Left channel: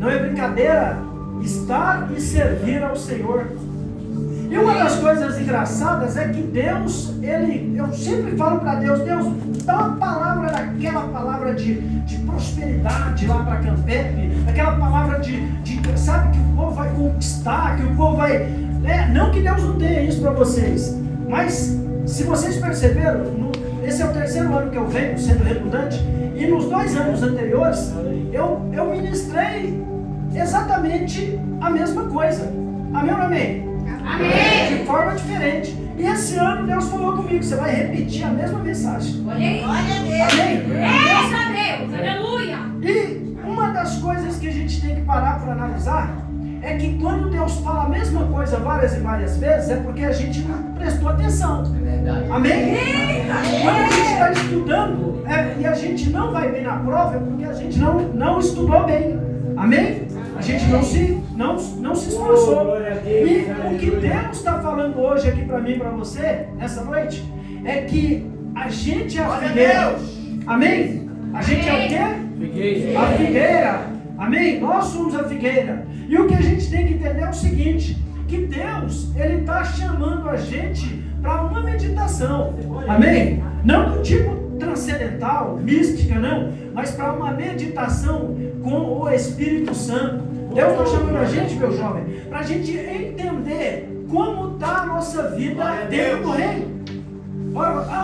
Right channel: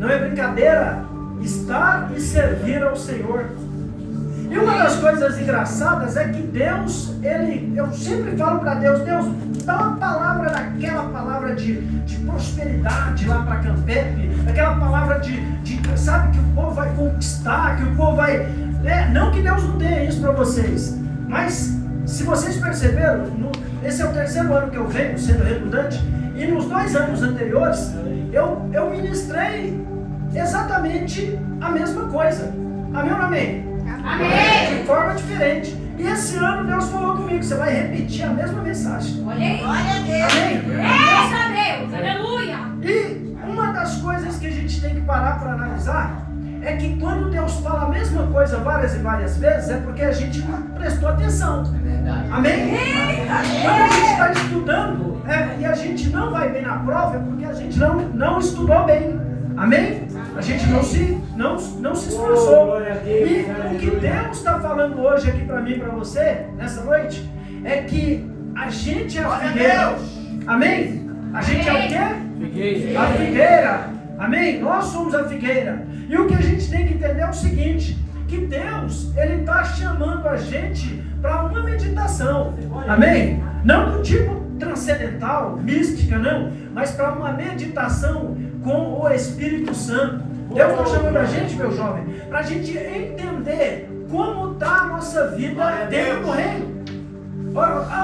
não é brincadeira estar e servir ao Senhor. E uma das coisas engraçadas é que Deus, eu sempre falo para Deus, dá uma palavra daquela palavra de prosperidade lá para Campep, aquela palavra sabe, que o povo vai conquistar, que o povo vai... não que Deus não tenha isso para vocês, mas se vocês perceberam, esse é o terceiro ano que eu venho sendo redundante, e nos 2 anos anteriores, eu ministrei exatamente a mesma coisa. Amém ou não amém? Amém. De forma diferente. E esse ano Deus falou comigo, você vai repetir a mesma mensagem. Olha aí. Glória a Deus. Amém. Graças a Deus. Aleluia. E uma das coisas que a gente tem que parar para analisar é que quando Deus fala a mesma coisa várias e várias vezes, é porque a gente não prestou atenção. É verdade. Amém? Quando a gente está estudando e a gente não vai bem na prova, é porque a gente não estudou bem. Amém? A gente não se esforçou. E o que Deus está falando hoje aqui para mim e para você, nessa noite, é que a gente é a figueira. Amém? A gente é o quê? A figueira. Amém? Nós somos a figueira. E o que a gente tem que entender é o seguinte, que Deus, Ele está chamando a gente para uma meditação. Amém? Não do tipo transcendental, mística, não, mas para uma meditação com o Espírito Santo. Deus está chamando a gente, meu jovem, para a gente entender como está a nossa vida dentro do reino.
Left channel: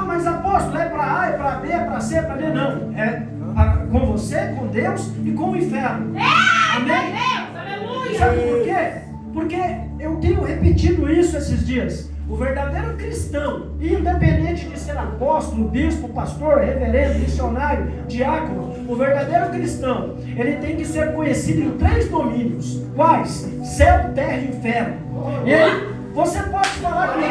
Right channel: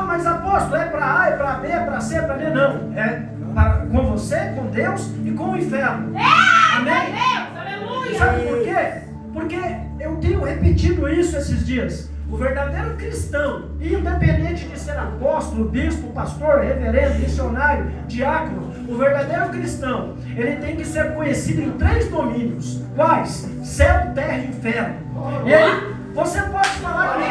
Mas apóstolo, é para A, é para B, é para C, é para D? Não, com você, com Deus e com o inferno. Amém? Sabe por quê? Porque eu tenho repetido isso esses dias. O verdadeiro cristão, independente de ser apóstolo, bispo, pastor, reverendo, missionário, diácono, o verdadeiro cristão, ele tem que ser conhecido em 3 domínios. Quais? Céu, terra e inferno. E aí, você pode falar que não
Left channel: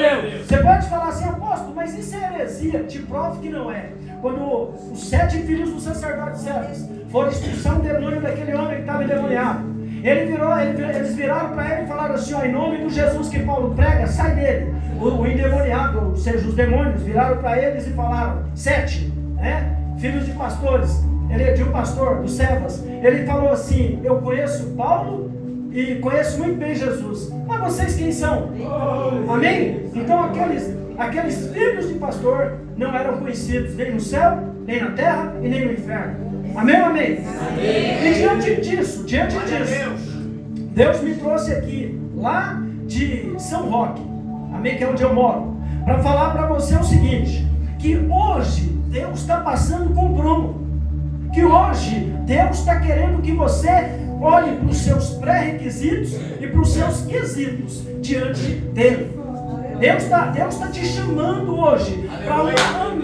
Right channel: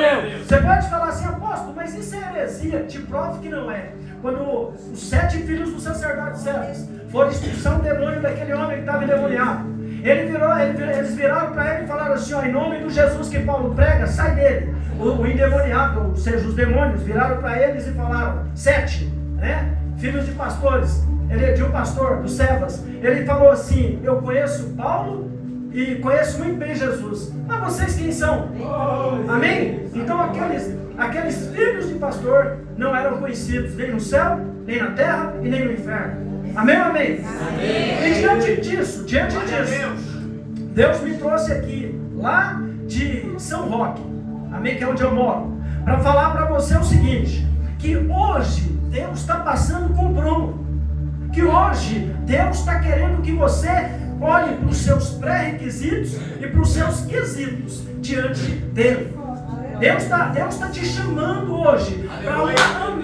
é. Você pode falar assim, apóstolo, mas isso é heresia. Te provo que não é. Quando os 7 filhos do sacerdote Cefas foram expulsar o demônio daquele homem que estava endemoniado, eles viraram para ele e falaram assim, em nome do Jesus que Paulo prega, sai dele. O endemoniado, ou seja, os demônios, viraram para eles e falaram, 7, filhos de pastores, de um pastor, do Cefas, ele falou assim, eu conheço Paulo e conheço muito bem Jesus, mas vocês quem são? Amém? Então aqueles filhos de pastor não eram conhecidos nem no céu, nem na terra e nem no inferno. Amém ou amém? Amém? E diante disso, Deus me trouxe aqui, lá de São Roque, amém, que é onde eu moro, para falar para você o seguinte, que hoje Deus está passando com o Bruno, que hoje Deus está querendo que você olhe para os seus pré-requisitos e para os seus quesitos diante dele. Deus está te chamando hoje para uma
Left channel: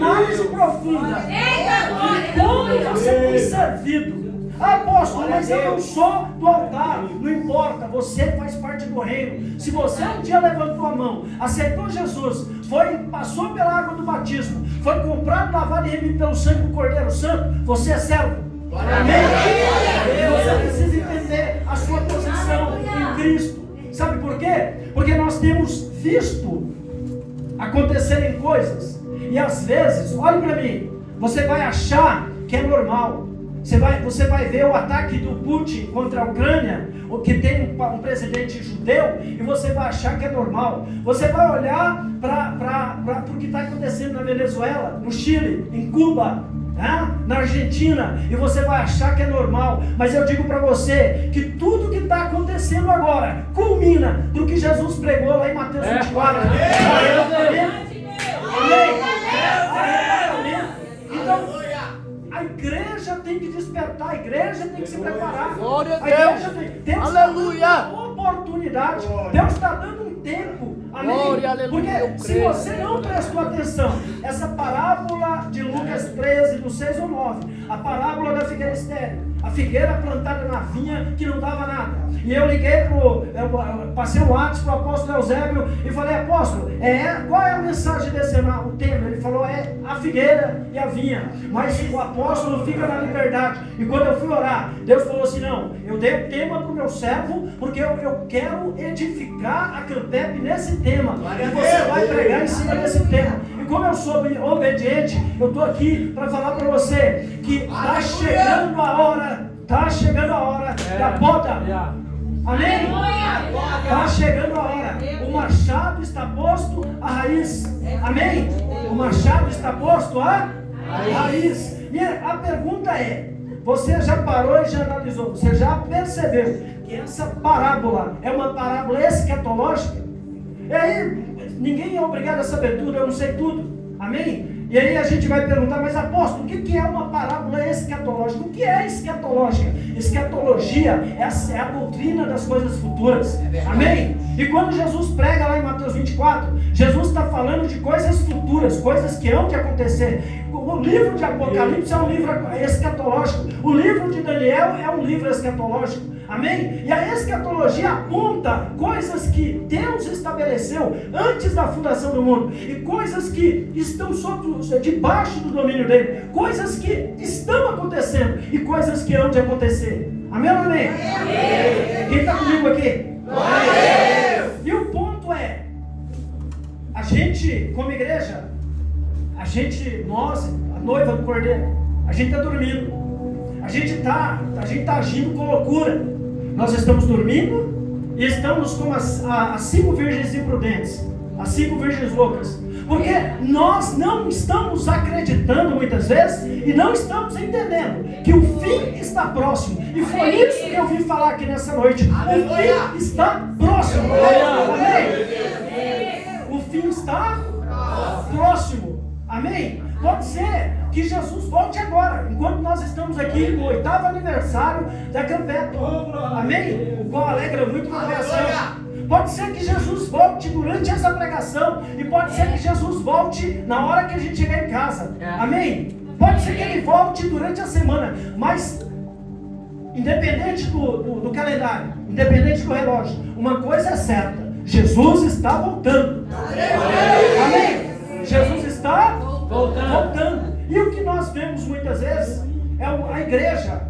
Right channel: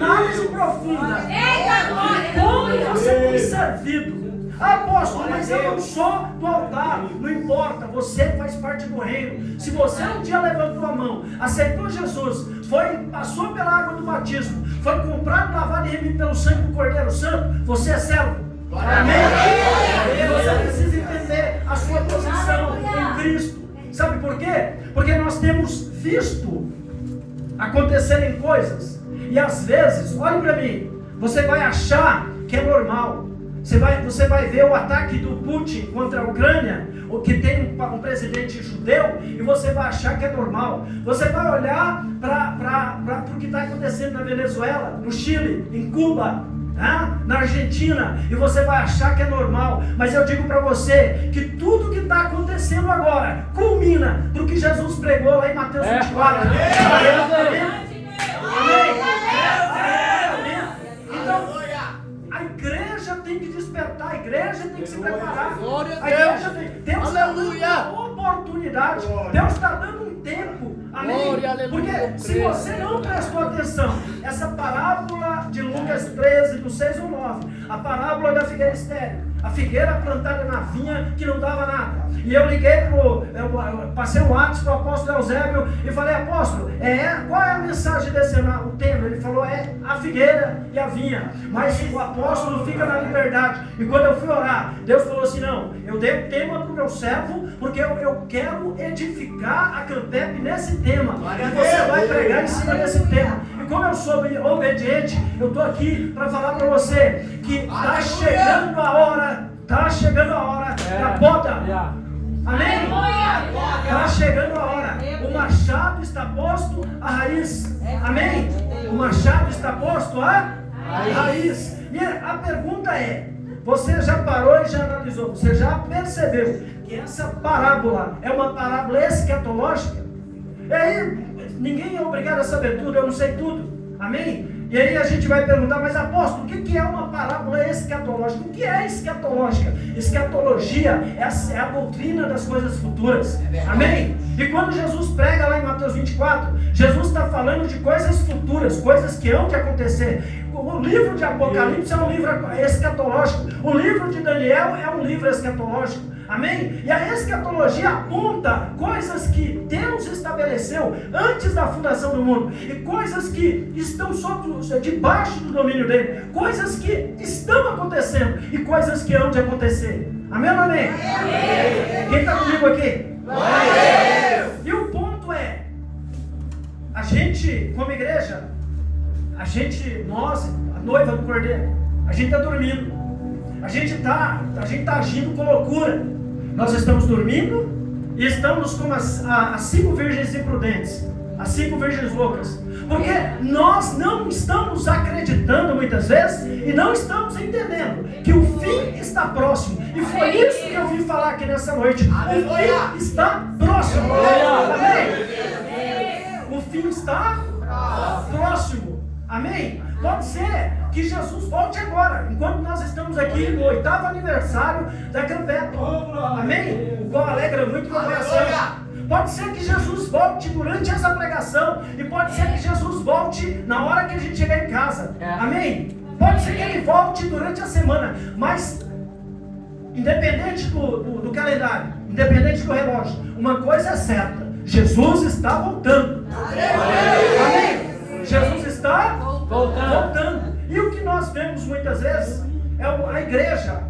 análise profunda de como você tem servido. Apóstolo, mas eu não sou do altar. Não importa, você faz parte do reino. Se você um dia levantou a mão, aceitou Jesus, passou pela água do batismo, foi comprado, lavado e remido pelo sangue do Cordeiro Santo, você é servo. Amém? Você precisa entender a sua posição em Cristo. Sabe por quê? Porque nós temos visto acontecerem coisas, e às vezes, olhe para mim, você vai achar que é normal. Você vai ver o ataque do Putin contra a Ucrânia, que tem um presidente judeu, e você vai achar que é normal. Você vai olhar para o que está acontecendo na Venezuela, no Chile, em Cuba, na Argentina, e você vai achar que é normal. Mas eu digo para você que tudo que está acontecendo agora culmina no que Jesus pregou lá em Mateus 24. Então a igreja tem que despertar, a igreja tem que se preparar. Glória a igreja Deus. Deus Aleluia. está dando uma oportunidade. Deus está dando um tempo. Amém? Glória, aleluia, porque se você não prestou atenção, essa parábola de Lucas 13, do 6 ao 9, a parábola da figueira estéril, a figueira plantada na vinha que não dava nada. E eu liguei eu passei o WhatsApp para o apóstolo Eusébio e falei, apóstolo, qual é a mensagem desse o tema? Ele falou, a figueira e a vinha, mas o apóstolo fica na liberdade. E quando eu fui orar, Deus falou assim, não, eu dei o tema para o meu servo, porque eu quero edificar a Campep nesse tema, e você vai pregar em cima desse tema. E como eu sou obediente, eu estou aqui para falar para você que está chegando a hora da poda. Amém? Está chegando a hora. O machado está posto à raiz. Amém? O machado está posto à raiz. E a pergunta é: você já parou e já analisou? Você já percebeu que essa parábola é uma parábola escatológica? E aí, ninguém é obrigado a saber tudo, eu não sei tudo. Amém? E aí a gente vai perguntar: mas apóstolo, o que é uma parábola escatológica? O que é escatológica? Escatologia é a doutrina das coisas futuras. Amém? E quando Jesus prega lá em Mateus 24, Jesus está falando de coisas futuras, coisas que hão de acontecer. O livro de Apocalipse é um livro escatológico. O livro de Daniel é um livro escatológico. Amém? E a escatologia aponta coisas que Deus estabeleceu antes da fundação do mundo, e coisas que estão debaixo do domínio dele, coisas que estão acontecendo e coisas que hão de acontecer. Amém ou amém? Quem está comigo aqui? E o ponto é: a gente, como igreja, nós, a noiva do Cordeiro, a gente está dormindo, a gente está agindo com loucura. Nós estamos dormindo e estamos como as 5 virgens imprudentes, as 5 virgens loucas, porque nós não estamos acreditando muitas vezes e não estamos entendendo que o fim está próximo. E foi isso que eu vim falar aqui nessa noite. O fim está próximo. O fim está próximo. Amém? Pode ser que Jesus volte agora, enquanto nós estamos aqui no 8º aniversário da Campeto. Amém? O qual alegra muito com a pregação. Pode ser que Jesus volte durante essa pregação, e pode ser que Jesus volte na hora que a gente chegar em casa. Amém? Pode ser que ele volte durante a semana, mas independente do calendário, independente do relógio, uma coisa é certa: Jesus está voltando. Amém? Jesus está voltando. E o que nós vemos muitas vezes é a igreja,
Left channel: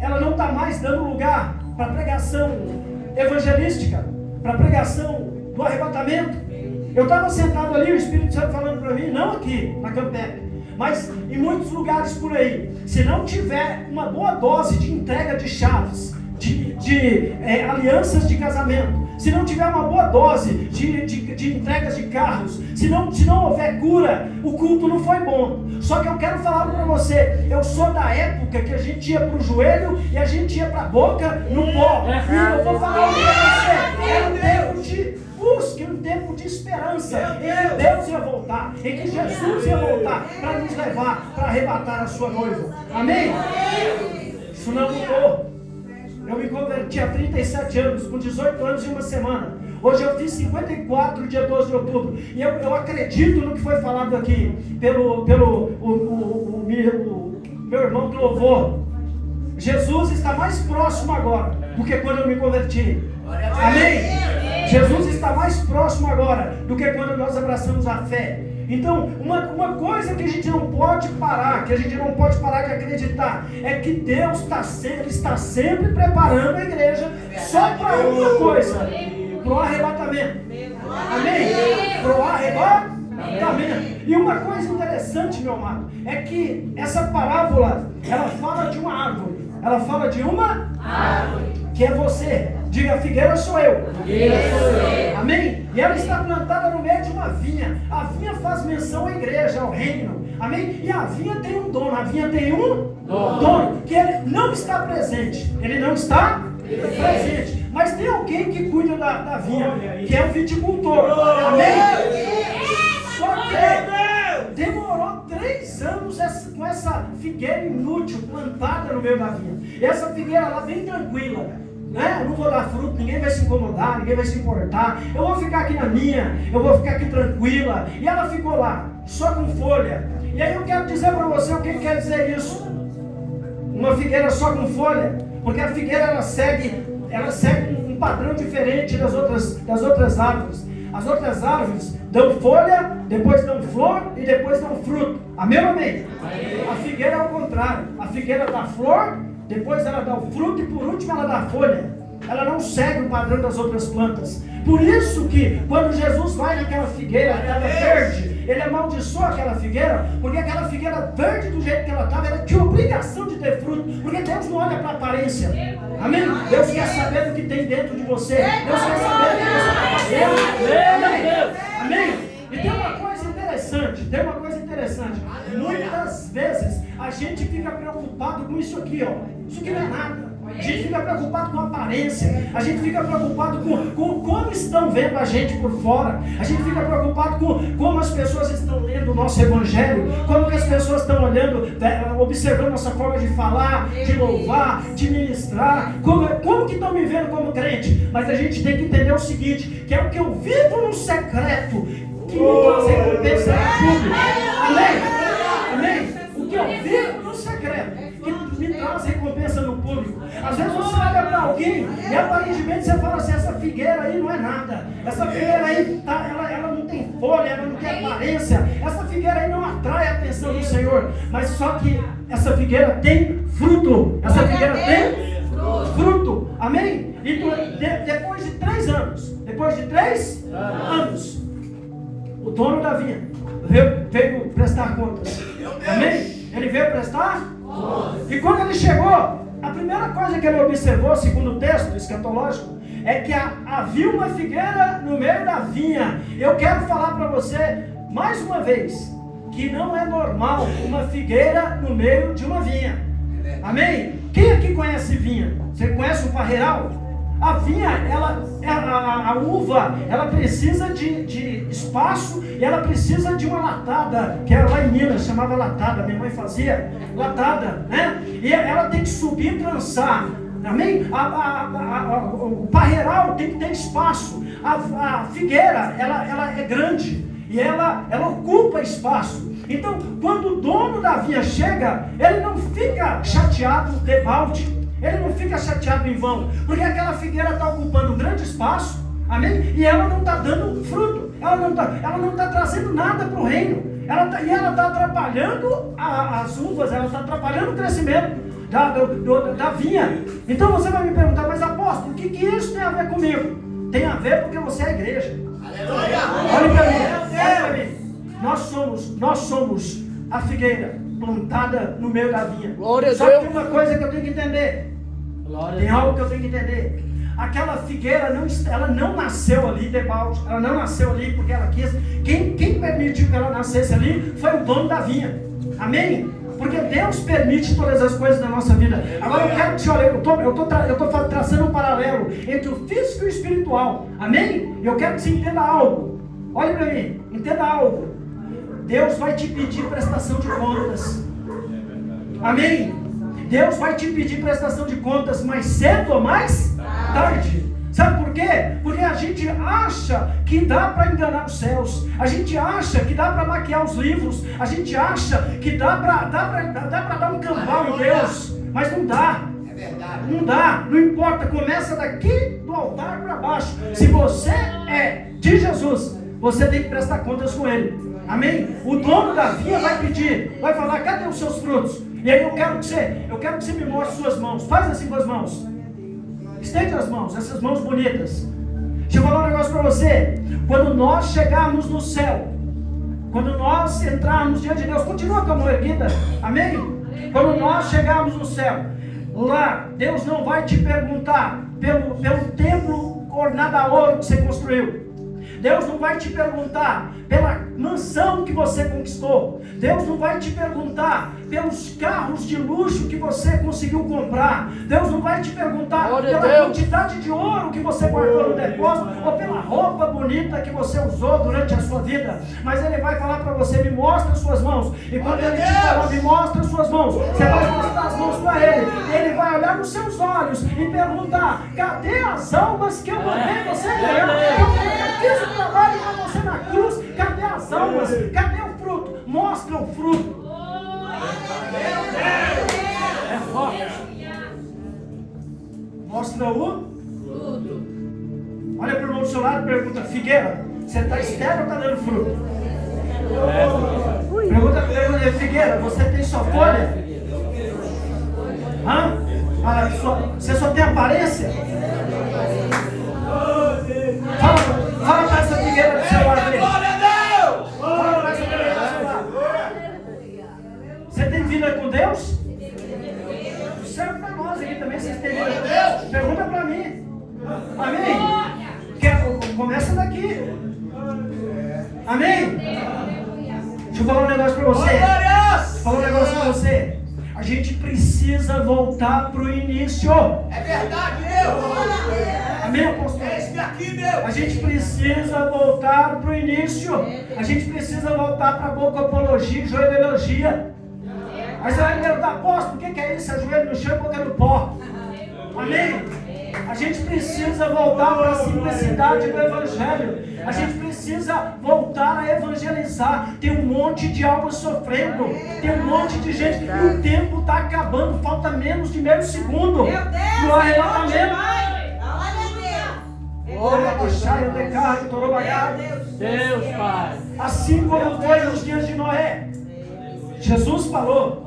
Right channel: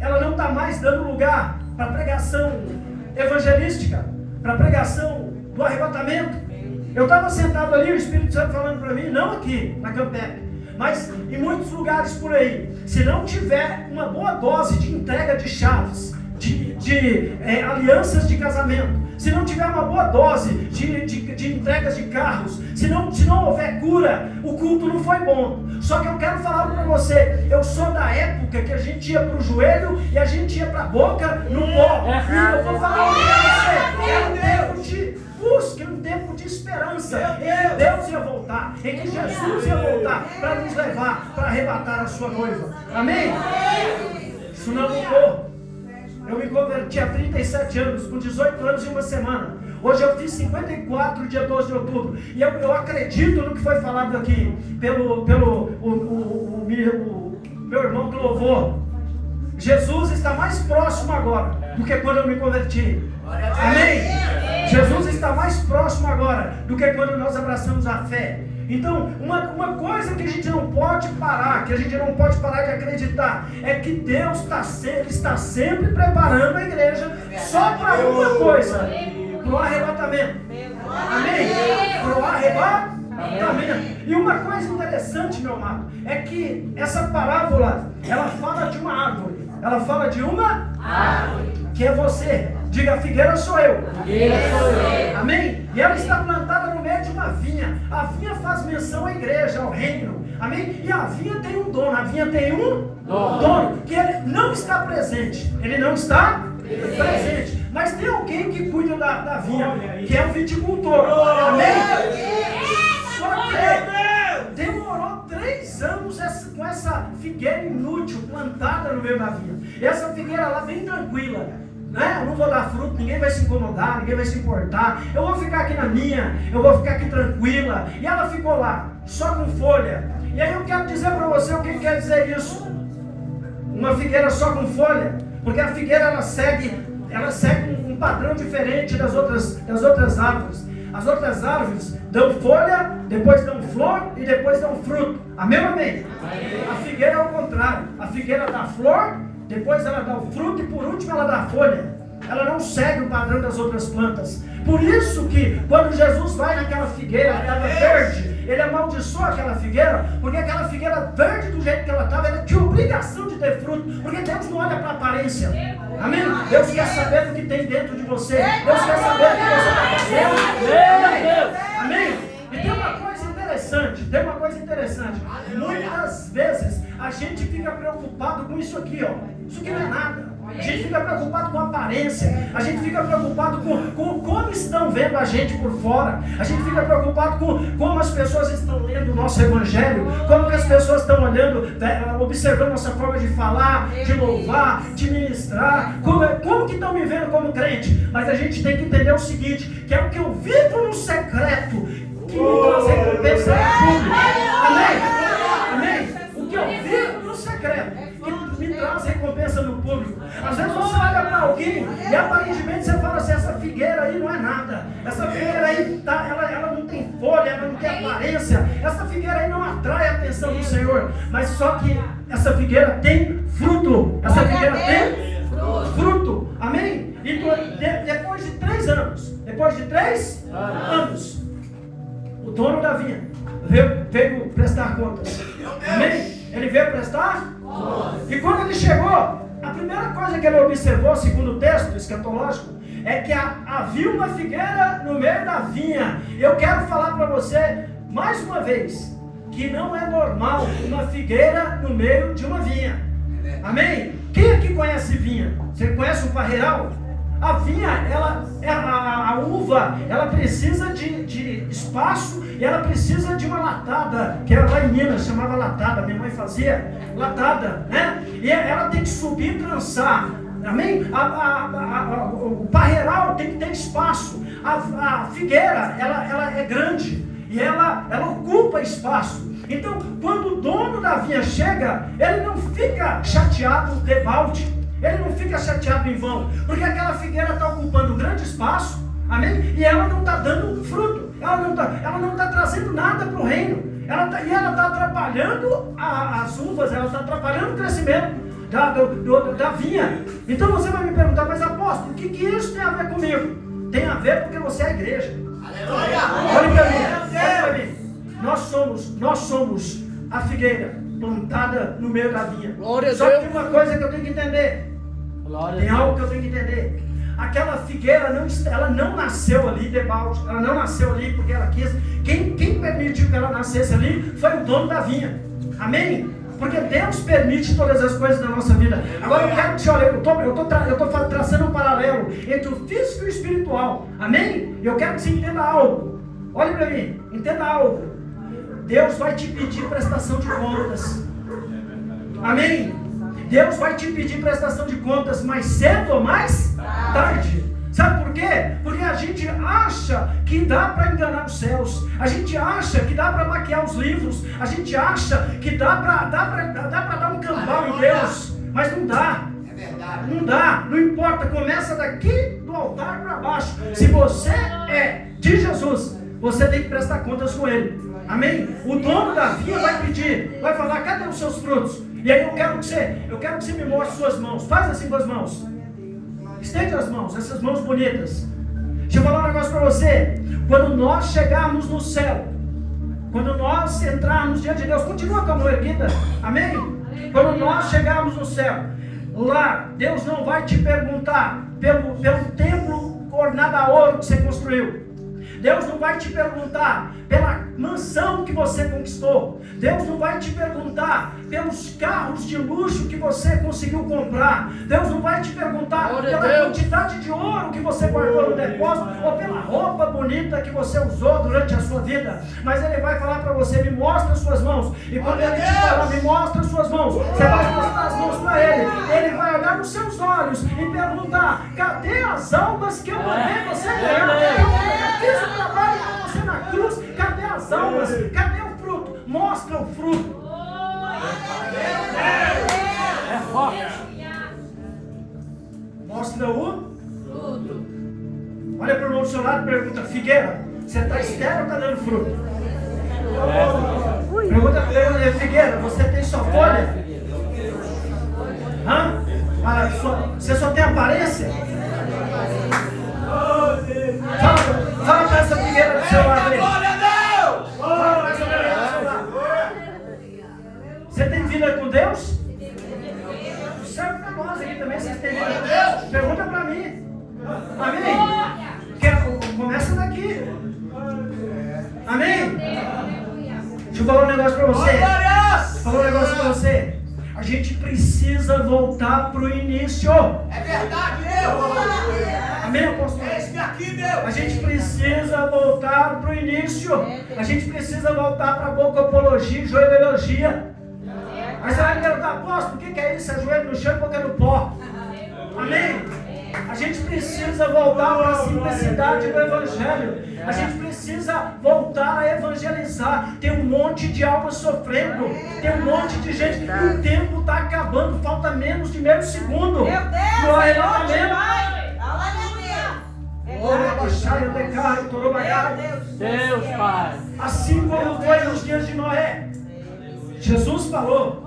ela não está mais dando lugar para pregação evangelística, para pregação do arrebatamento. Eu estava sentado ali, o Espírito Santo falando para mim, não aqui na Campep, mas em muitos lugares por aí. Se não tiver uma boa dose de entrega de chaves, de alianças de casamento, se não tiver uma boa dose de entregas de carros, se não houver cura, o culto não foi bom. Só que eu quero falar para você: eu sou da época que a gente ia para o joelho e a gente ia para a boca no pó. E eu vou falar para você: era um tempo de busca, um tempo de esperança, em que Deus ia voltar, em que Jesus ia voltar para nos levar, para arrebatar a sua noiva. Amém? Isso não mudou. Eu me converti há 37 anos, com 18 anos e uma semana. Hoje eu fiz 54, dia 12 de outubro. E eu acredito no que foi falado aqui pelo meu irmão do louvor. Jesus está mais próximo agora do que quando eu me converti. Amém? Jesus está mais próximo agora do que quando nós abraçamos a fé. Então, uma coisa que a gente não pode parar, que a gente não pode parar de acreditar, é que Deus está sempre preparando a igreja só para uma coisa: para o arrebatamento. Amém? Para o arrebatamento. E uma coisa interessante, meu amado, é que essa parábola, ela fala de uma árvore. Ela fala de uma árvore, que é você. Diga: a figueira sou eu. Amém? E ela está plantada no meio de uma vinha. A vinha faz menção à igreja, ao reino. Amém? E a vinha tem um dono. A vinha tem um dono, que ele não está presente. Ele não está presente. Mas tem alguém que cuida da vinha, que é o viticultor. Amém? Só que demorou 3 anos com essa figueira inútil plantada no meio da vinha. E essa figueira lá bem tranquila. Eu não vou dar fruto, ninguém vai se incomodar, ninguém vai se importar. Eu vou ficar aqui na minha, eu vou ficar aqui tranquila. E ela ficou lá, só com folha. E aí eu quero dizer para você o que quer dizer isso. Uma figueira só com folha, porque a figueira ela segue um padrão diferente das outras árvores. As outras árvores dão folha, depois dão flor e depois dão fruto. Amém ou amém? A figueira é o contrário. A figueira dá flor, depois ela dá o fruto e por último ela dá folha. Ela não segue o padrão das outras plantas. Por isso que quando Jesus vai naquela figueira, ela estava verde, ele amaldiçoou aquela figueira, porque aquela figueira verde do jeito que ela estava, ela tinha obrigação de ter fruto, porque Deus não olha para a aparência. Amém? Deus quer saber do que tem dentro de você. Deus quer saber do que você está. Amém? E tem uma coisa interessante, muitas vezes a gente fica preocupado com isso aqui, ó. Isso aqui não é nada. A gente fica preocupado com a aparência. A gente fica preocupado com como estão vendo a gente por fora. A gente fica preocupado com como as pessoas estão lendo o nosso evangelho. Como que as pessoas estão olhando, observando nossa forma de falar, de louvar, de ministrar. Como que estão me vendo como crente. Mas a gente tem que entender o seguinte, que é o que eu vivo no secreto que me traz recompensa pública. Amém? Amém? O que eu vivo no secreto que me traz recompensa no público. Às vezes você olha para alguém e aparentemente você fala assim, essa figueira aí não é nada. Essa figueira aí ela não tem folha, ela não tem aparência. Essa figueira aí não atrai a atenção do Senhor. Mas só que essa figueira tem fruto. Essa figueira tem fruto. Amém? E depois de 3 anos, o dono da vinha veio prestar contas. Amém? Ele veio prestar contas. E quando ele chegou, a primeira coisa que ele observou, segundo o texto escatológico, é que havia uma figueira no meio da vinha. Eu quero falar para você, mais uma vez, que não é normal uma figueira no meio de uma vinha. Amém? Quem aqui conhece vinha? Você conhece o parreiral? A vinha, a uva, ela precisa de espaço e ela precisa de uma latada, que era lá em Minas, chamava latada, minha mãe fazia latada, né? E ela tem que subir e trançar, amém? O parreiral tem que ter espaço, a figueira, ela é grande e ela ocupa espaço. Então, quando o dono da vinha chega, ele não fica chateado de balde. Ele não fica chateado em vão, porque aquela figueira está ocupando um grande espaço, amém? E ela não está dando fruto, ela não está trazendo nada para o reino, ela está atrapalhando as uvas, ela está atrapalhando o crescimento da vinha. Então você vai me perguntar, mas apóstolo, o que isso tem a ver comigo? Tem a ver porque você é a igreja. Olha para mim, nós somos a figueira plantada no meio da vinha. Só que tem uma coisa que eu tenho que entender. Tem algo que eu tenho que entender. Aquela figueira ela não nasceu ali de balde. Ela não nasceu ali porque ela quis. Quem permitiu que ela nascesse ali foi o dono da vinha. Amém? Porque Deus permite todas as coisas na nossa vida. Agora eu quero te olhar, eu estou traçando um paralelo entre o físico e o espiritual. Amém? Eu quero que você entenda algo. Olhe para mim, entenda algo. Deus vai te pedir prestação de contas. Amém? Deus vai te pedir prestação de contas mais cedo ou mais tarde. Sabe por quê? Porque a gente acha que dá para enganar os céus. A gente acha que dá para maquiar os livros. A gente acha que dá para dar um cambal em Deus. Mas não dá. É verdade. Não dá. Não importa. Começa daqui do altar para baixo. Se você é de Jesus, você tem que prestar contas com Ele. Amém? O dono da vinha vai pedir, vai falar, cadê os seus frutos? E aí eu quero que você me mostre suas mãos. Faz assim com as mãos. Estende as mãos, essas mãos bonitas. Deixa eu falar um negócio para você. Quando nós chegarmos no céu, quando nós entrarmos diante de Deus, continua com a mão erguida. Amém? Quando nós chegarmos no céu, lá Deus não vai te perguntar pelo templo ornado a ouro que você construiu. Deus não vai te perguntar pela mansão que você conquistou. Deus não vai te perguntar pelos carros de luxo que você conseguiu comprar. Deus não vai te perguntar pela quantidade de ouro que você guardou no depósito ou pela roupa bonita que você usou durante a sua vida. Mas Ele vai falar para você, me mostra as suas mãos. E quando Ele te falar, me mostra as suas mãos, você vai mostrar as mãos para Ele. Ele vai olhar nos seus olhos e perguntar, cadê as almas que eu mandei você ganhar? Eu fiz o trabalho para você na cruz. Cadê as almas? Cadê o fruto? Mostra o fruto. É forte. Mostra o fruto. Olha para o irmão do seu lado e pergunta, figueira, você está estéril ou está dando fruto? Pergunta para ele, figueira, você tem só folha? Hã? Você só tem aparência? Fala para essa figueira do seu lado. Glória a Deus! negócio para você. Vou falar um negócio para você. A gente precisa voltar para o início. É verdade, Deus. Amém, apóstolo? É isso aqui, Deus. A gente precisa voltar para o início. A gente precisa voltar para a bocopologia e joelhologia. Aí você vai me perguntar, apóstolo, o que é isso? É joelho no chão e boca no pó. Amém? A gente precisa voltar para a simplicidade do Evangelho. A gente precisa voltar a evangelizar. Tem um monte de almas sofrendo. Tem um monte de gente. E o tempo está acabando. Falta menos de meio segundo. No arrebatamento. Deus, Pai. Assim como foi nos dias de Noé. Jesus falou:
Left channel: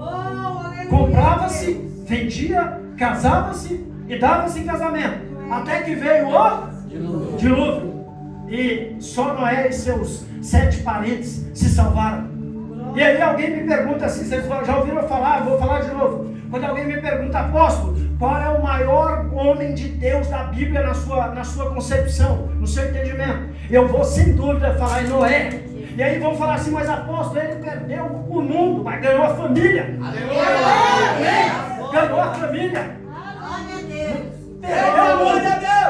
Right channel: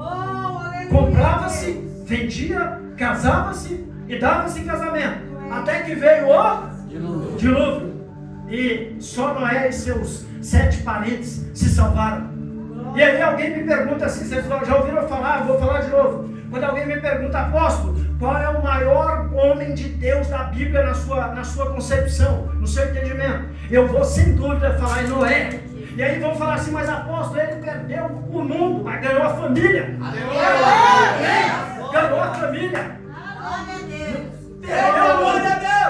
comprava-se, vendia, casava-se e dava-se em casamento. Até que veio o dilúvio. E só Noé e seus 7 parentes se salvaram. E aí alguém me pergunta assim, vocês já ouviram falar? Vou falar de novo. Quando alguém me pergunta, apóstolo, qual é o maior homem de Deus da Bíblia na sua concepção, no seu entendimento? Eu vou sem dúvida falar em Noé. E aí vão falar assim, mas apóstolo, ele perdeu o mundo, mas ganhou a família. Aleluia! Ganhou a família.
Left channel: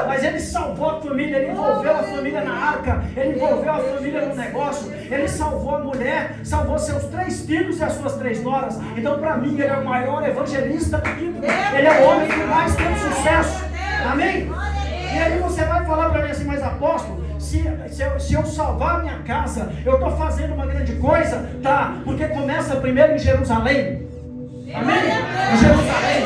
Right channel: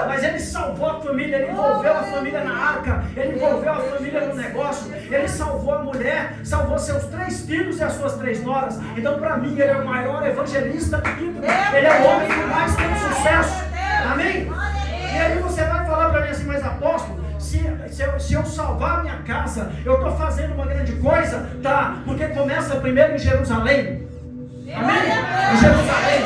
Mas ele salvou a família, ele envolveu a família na arca, ele envolveu a família no negócio, ele salvou a mulher, salvou seus 3 filhos e as suas 3 noras. Então, para mim, ele é o maior evangelista da Bíblia. Ele é o homem que mais tem sucesso. Amém? E aí você vai falar para mim assim, mas apóstolo, se eu salvar a minha casa, eu estou fazendo uma grande coisa? Tá, porque começa primeiro em Jerusalém. Amém? Em Jerusalém.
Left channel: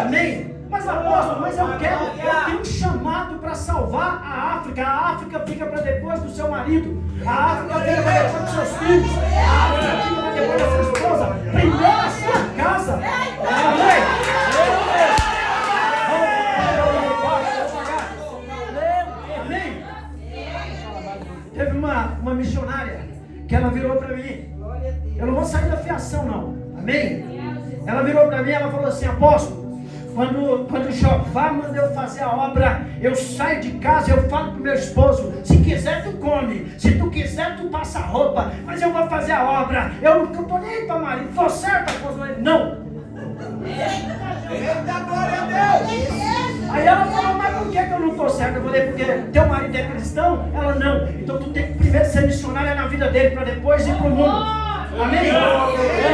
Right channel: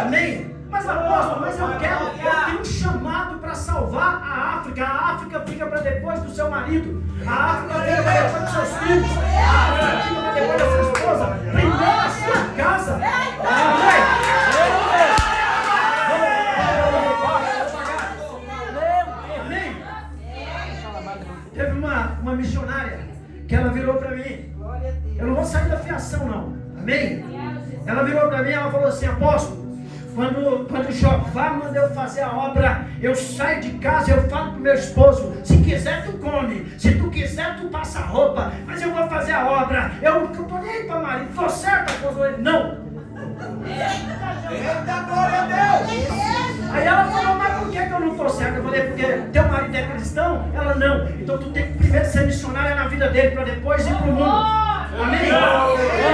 Amém? Mas apóstolo, eu tenho um chamado para salvar a África. A África fica para depois do seu marido. A África fica para depois dos seus filhos. A África fica para depois da sua esposa. Primeiro a sua casa. Amém? Amém? Teve uma missionária que ela virou para mim. Eu não vou sair da fiação não. Amém? Ela virou para mim e ela falou assim, apóstolo, quando Jeová manda eu fazer a obra, eu saio de casa e eu falo pro meu esposo, se quiser tu come, se tu quiser tu passa roupa, mas eu vou fazer a obra, eu não tô nem aí pra marido, tô certo, esposa? Não. Eita, glória a Deus. Aí ela falou, mas por que eu não tô certo? Eu falei, porque teu marido é cristão? Ela não. Então tu tem que primeiro ser missionária na vida dele, para depois ir pro mundo. Amém?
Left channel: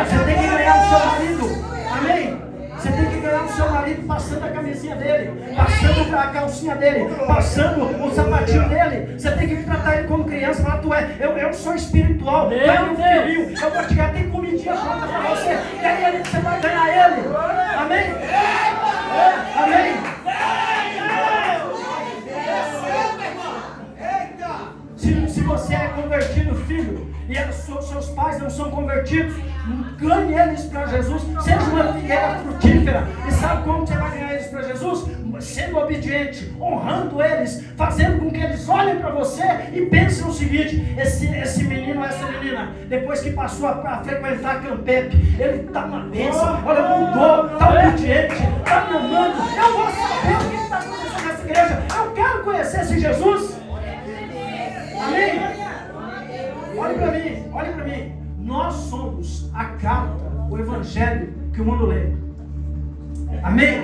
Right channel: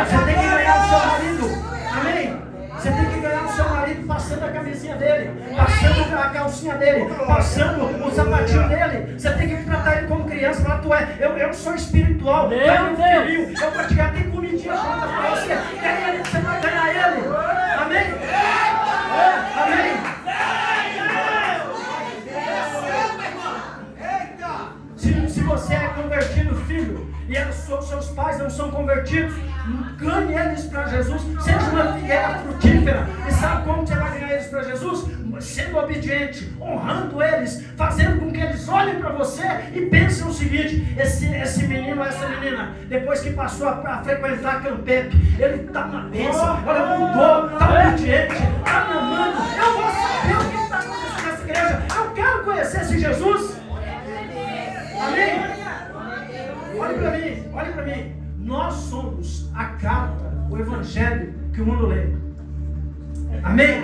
Você tem que ganhar o seu marido. Amém? Você tem que ganhar o seu marido passando a camisinha dele, passando a calcinha dele, passando o sapatinho dele. Você tem que tratar ele como criança. Falar, eu sou espiritual, eu vou te dar, tem comidinha pronta para você. E aí você vai ganhar ele. Amém? Amém? Se você é convertido, filho, e seus pais não são convertidos, ganhe eles para Jesus. Seja uma figueira frutífera. E sabe como você vai ganhar eles para Jesus? Sendo obediente, honrando eles, fazendo com que eles olhem para você e pensem o seguinte: esse menino, essa menina, depois que passou a frequentar a Campep, ele está uma bênção, olha, mudou, está obediente, está me amando. Eu vou saber o que está acontecendo nessa igreja. Eu quero conhecer esse Jesus. Amém? Olhe para mim. Nós somos a carta, o evangelho que o mundo lê. Amém?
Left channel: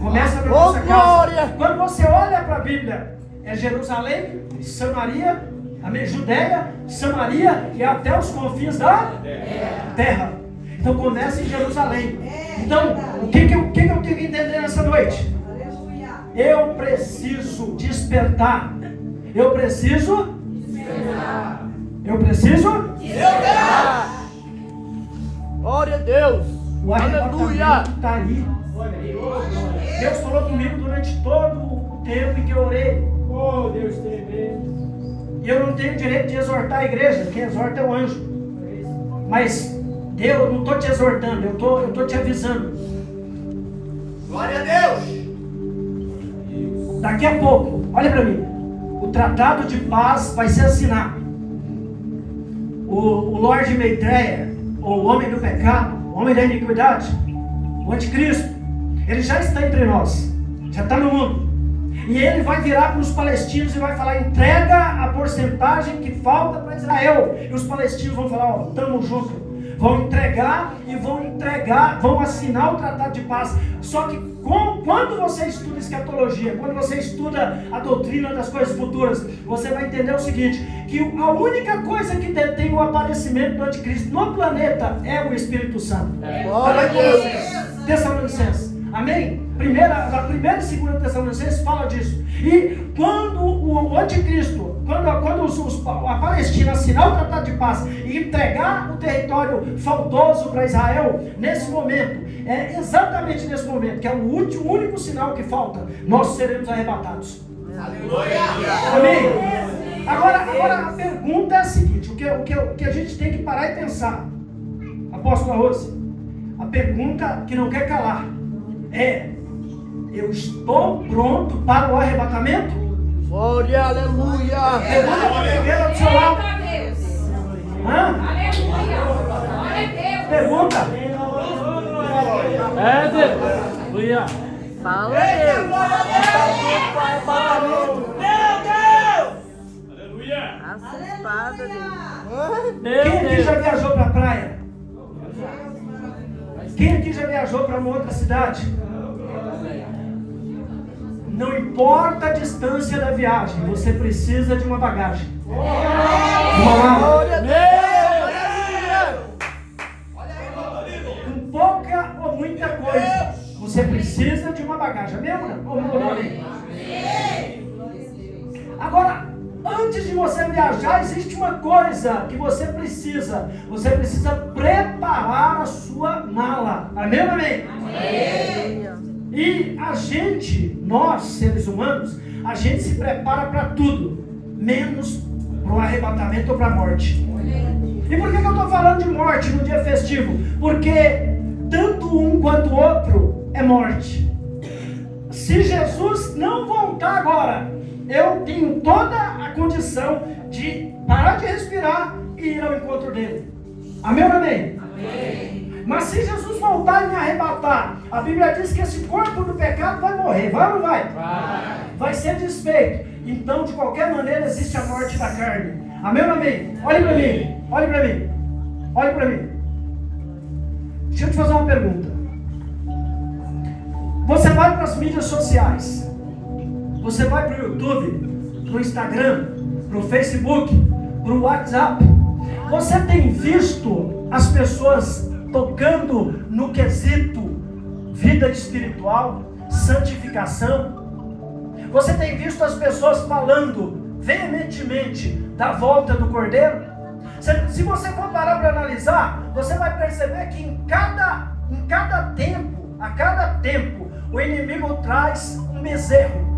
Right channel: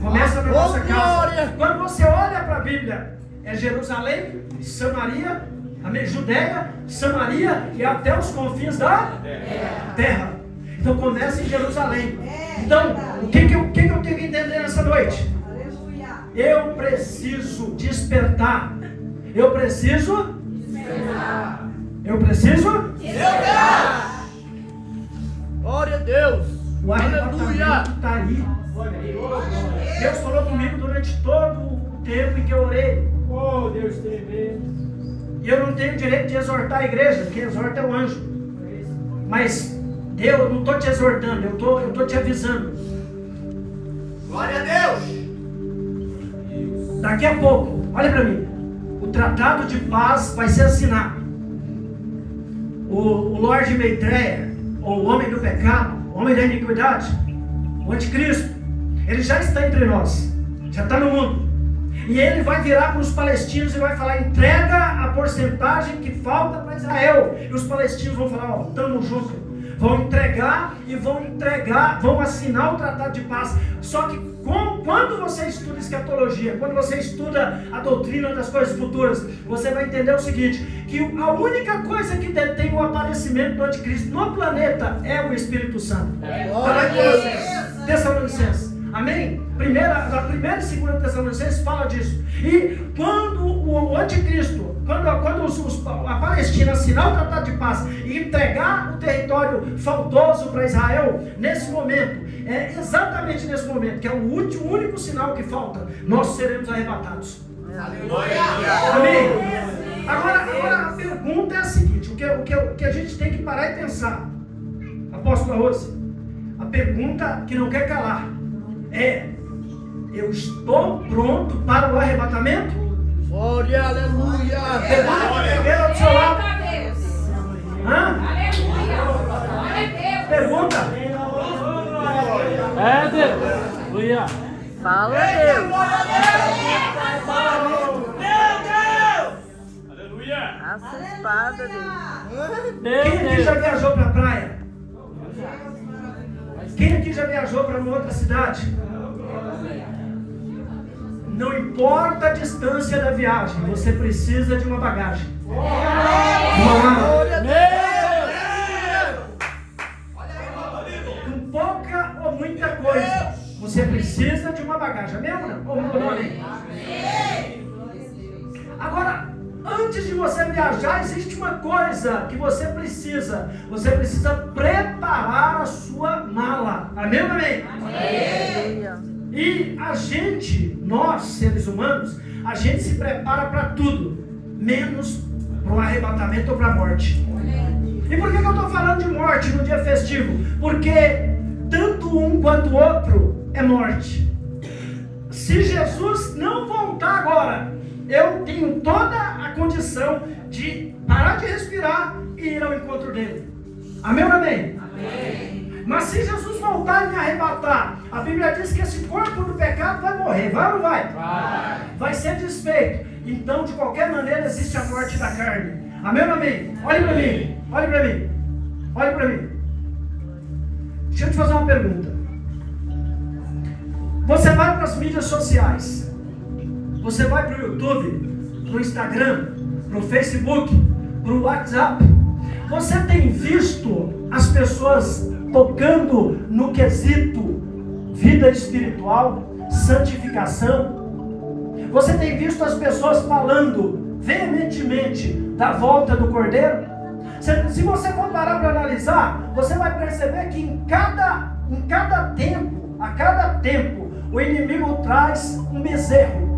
Começa pela nossa casa. Quando você olha para a Bíblia, é Jerusalém, Samaria, amém? Judeia, Samaria e até os confins da terra. Então começa em Jerusalém. Então, o que eu tenho que entender nessa noite? Eu preciso despertar. Eu preciso Glória a Deus. O Aleluia. arrebatamento está aí. Deus falou comigo durante todo o tempo em que eu orei. Oh, Deus teve. E eu não tenho direito de exortar a igreja. Quem exorta é o anjo. Mas eu não estou te exortando, eu estou te avisando. Glória a Deus. Daqui a pouco, olha para mim, o tratado de paz vai ser assinado. O Lorde Maitreya, ou o homem do pecado, o homem da iniquidade, o anticristo, ele já está entre nós, já está no mundo. E ele vai virar para os palestinos e vai falar: entrega a porcentagem que falta para Israel. E os palestinos vão falar: ó, estamos juntos. Vão entregar e vão assinar o tratado de paz. Só que quando você estuda escatologia, quando você estuda a doutrina das coisas futuras, você vai entender o seguinte: que a única coisa que detém o aparecimento do anticristo no planeta é o Espírito Santo. Tessalonicenses. Amém? A primeira e segunda Tessalonicenses fala disso. E quando o anticristo, quando a Palestina assinar o tratado de paz e entregar o território faltoso para Israel, nesse momento, é exatamente nesse momento, que é o único sinal que falta, nós seremos arrebatados. Aleluia. Amém? Agora a pergunta é a seguinte: o que a gente tem que parar e pensar, apóstola Rose, a pergunta que não quer calar é: eu estou pronto para o arrebatamento? Glória, aleluia. Pergunta do seu lado. Hã? Pergunta. É Deus. Aleluia. Fala, Deus. Aleluia. Essa espada, Deus. Quem aqui já viajou para a praia? Quem aqui já viajou para uma outra cidade? Não importa a distância da viagem, você precisa de uma bagagem. Glória a Deus. Com pouca ou muita coisa, você precisa de uma bagagem. Amém ou não amém? Agora, antes de você viajar, existe uma coisa que você precisa. Você precisa preparar a sua mala. Amém ou amém? E a gente, nós seres humanos, a gente se prepara para tudo, menos para o arrebatamento ou para a morte. E por que eu estou falando de morte no dia festivo? Porque tanto um quanto o outro é morte. Se Jesus não voltar agora, eu tenho toda a condição de parar de respirar e ir ao encontro dele. Amém ou amém? Amém. Mas se Jesus voltar e me arrebatar, a Bíblia diz que esse corpo do pecado vai morrer. Vai ou não vai? Vai ser desfeito. Então, de qualquer maneira, existe a morte da carne. Amém ou não amém? Olhe para mim. Olhe para mim. Olhe para mim. Deixa eu te fazer uma pergunta. Você vai para as mídias sociais. Você vai para o YouTube, para o Instagram, para o Facebook, para o WhatsApp. Você tem visto as pessoas tocando no quesito vida espiritual, santificação? Você tem visto as pessoas falando veementemente da volta do Cordeiro? Se você for parar para analisar, você vai perceber que em cada tempo, a cada tempo, o inimigo traz um bezerro.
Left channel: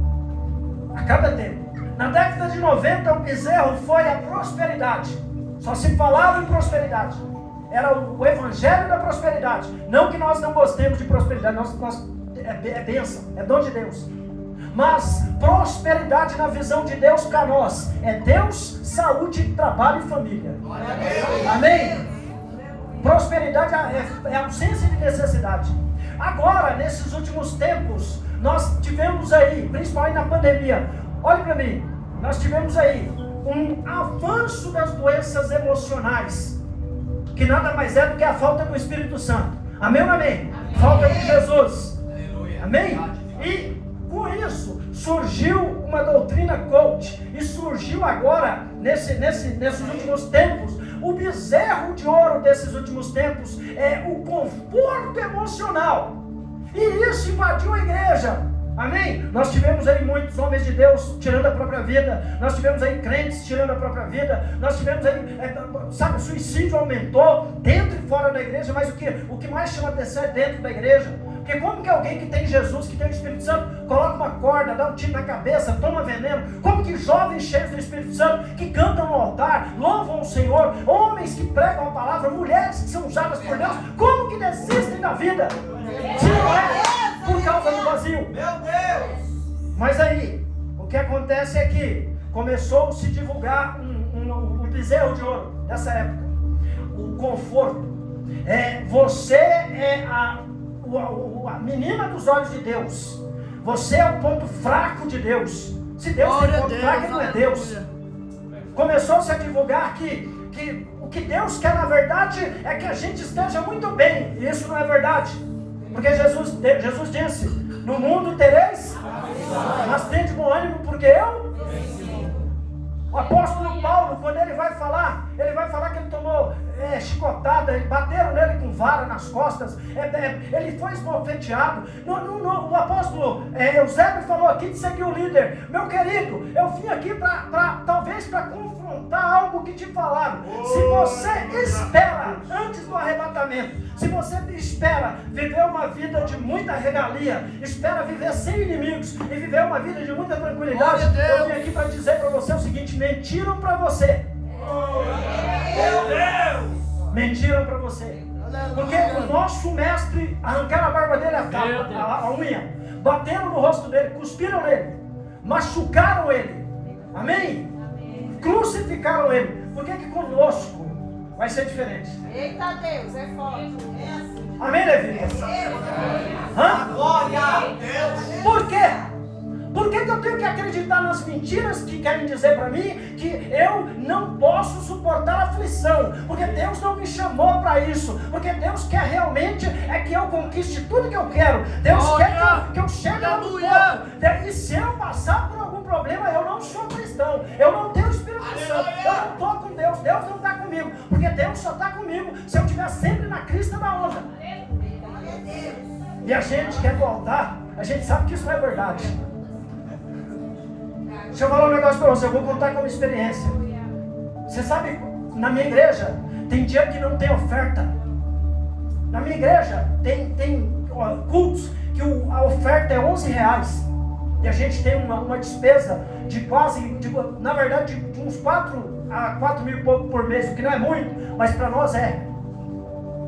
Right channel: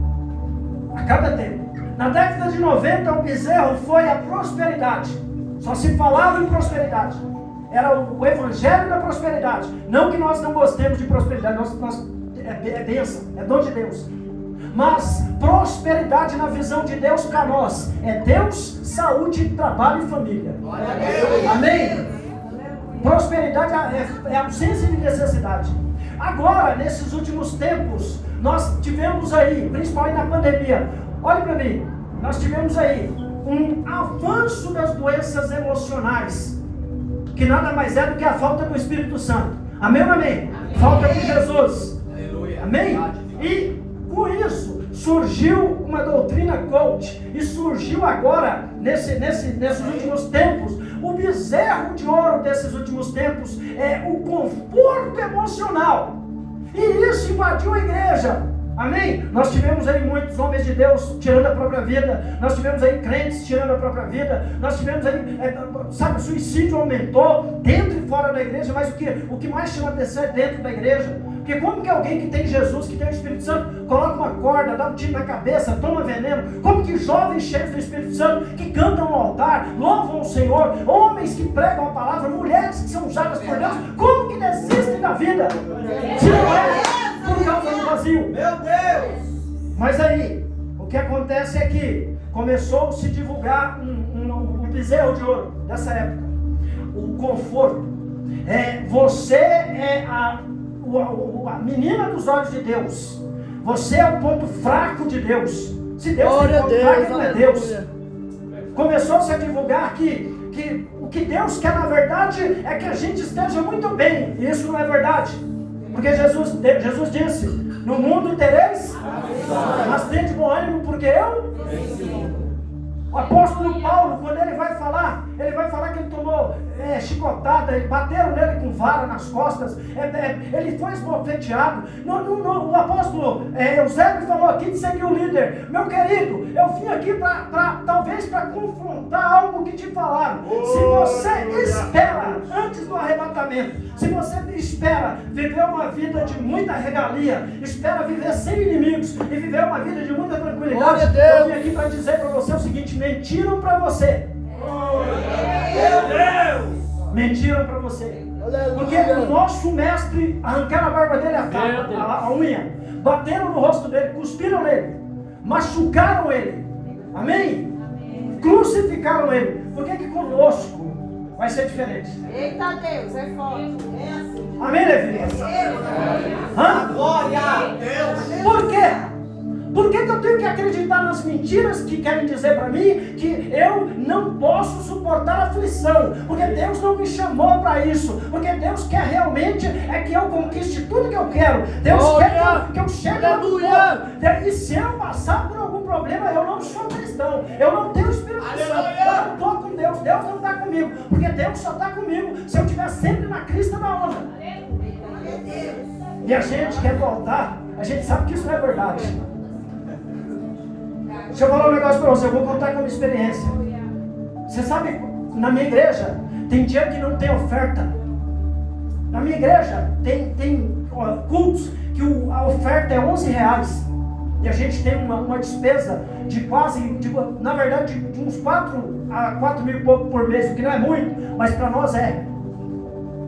A cada tempo. Na década de 90, o bezerro foi a prosperidade. Só se falava em prosperidade. Era o evangelho da prosperidade. Não que nós não gostemos de prosperidade, é bênção, é dom de Deus. Mas prosperidade na visão de Deus para nós é Deus, saúde, trabalho e família. Amém? Prosperidade é ausência de necessidade. Agora, nesses últimos tempos, nós tivemos aí, principalmente na pandemia, olhe para mim, nós tivemos aí um avanço das doenças emocionais, que nada mais é do que a falta do Espírito Santo. Amém ou amém? Falta de Jesus. Amém? E com isso surgiu uma doutrina coach, e surgiu agora, nesses últimos tempos, o bezerro de ouro desses últimos tempos é o conforto emocional. E isso invadiu a igreja. Amém? Nós tivemos aí muitos homens de Deus tirando a própria vida. Nós tivemos aí crentes tirando a própria vida. Nós tivemos aí, o suicídio aumentou dentro e fora da igreja. Mas o que mais chama atenção é dentro da igreja. Porque como que alguém que tem Jesus, que tem o Espírito Santo, coloca uma corda, dá um tiro na cabeça, toma veneno? Como que jovens cheios do Espírito Santo, que cantam no altar, louvam o Senhor, homens que pregam a palavra, mulheres que são usadas por Deus, como que desistem da vida? Se não é por causa do vazio. Meu Deus! Mas aí, o que acontece é que começou a se divulgar um bezerro de ouro dessa época. O conforto. Você é a menina dos olhos de Deus. Você é o ponto fraco de Deus. Se Deus Glória a tem ponto fraco, Deus, não é Deus. aleluia. Começou-se a divulgar que o que Deus quer na verdade é que a gente esteja muito bem. E isso não é verdade. Porque Jesus disse: no mundo tereis, mas tende bom ânimo, porque eu venci o mundo. O apóstolo Paulo, quando ele vai falar que ele tomou chicotada, bateram nele com vara nas costas, ele foi esbofeteado. O apóstolo Eusébio falou aqui de seguir o líder: meu querido, eu vim aqui talvez para confrontar algo que te falaram. Se você espera antes do arrebatamento, se você espera viver uma vida de muita regalia, espera viver sem inimigos e viver uma vida de muita tranquilidade, Glória a Deus. eu vim aqui para dizer para você o seguinte: mentiram para você. Mentiram para você. Porque o nosso mestre arrancaram a barba dele, a unha, bateram no rosto dele, cuspiram nele, machucaram ele. Amém? Crucificaram ele. Por que conosco vai ser diferente? Eita Deus, é forte. É assim. Amém, Levi? Glória a Deus. Por quê? Por que eu tenho que acreditar nas mentiras que querem dizer para mim que eu não posso suportar aflição? Porque Deus não me chamou para isso. Porque Deus quer realmente que eu conquiste tudo que eu quero. Deus quer que eu chegue ao ponto. E se eu passar por algum problema, eu não sou cristão. Eu não tenho Espírito Santo. Eu não estou com Deus. Deus não está comigo. Porque Deus só está comigo se eu estiver sempre na crista da onda. E a gente quer voltar. A gente sabe que isso não é verdade. Deixa eu falar um negócio para você, eu vou contar como experiência. Você sabe, na minha igreja, tem dia que não tem oferta. Na minha igreja, tem cultos que a oferta é R$11. E a gente tem uma despesa de quase, na verdade, de uns 4 a 4 mil e pouco por mês, o que não é muito, mas para nós é.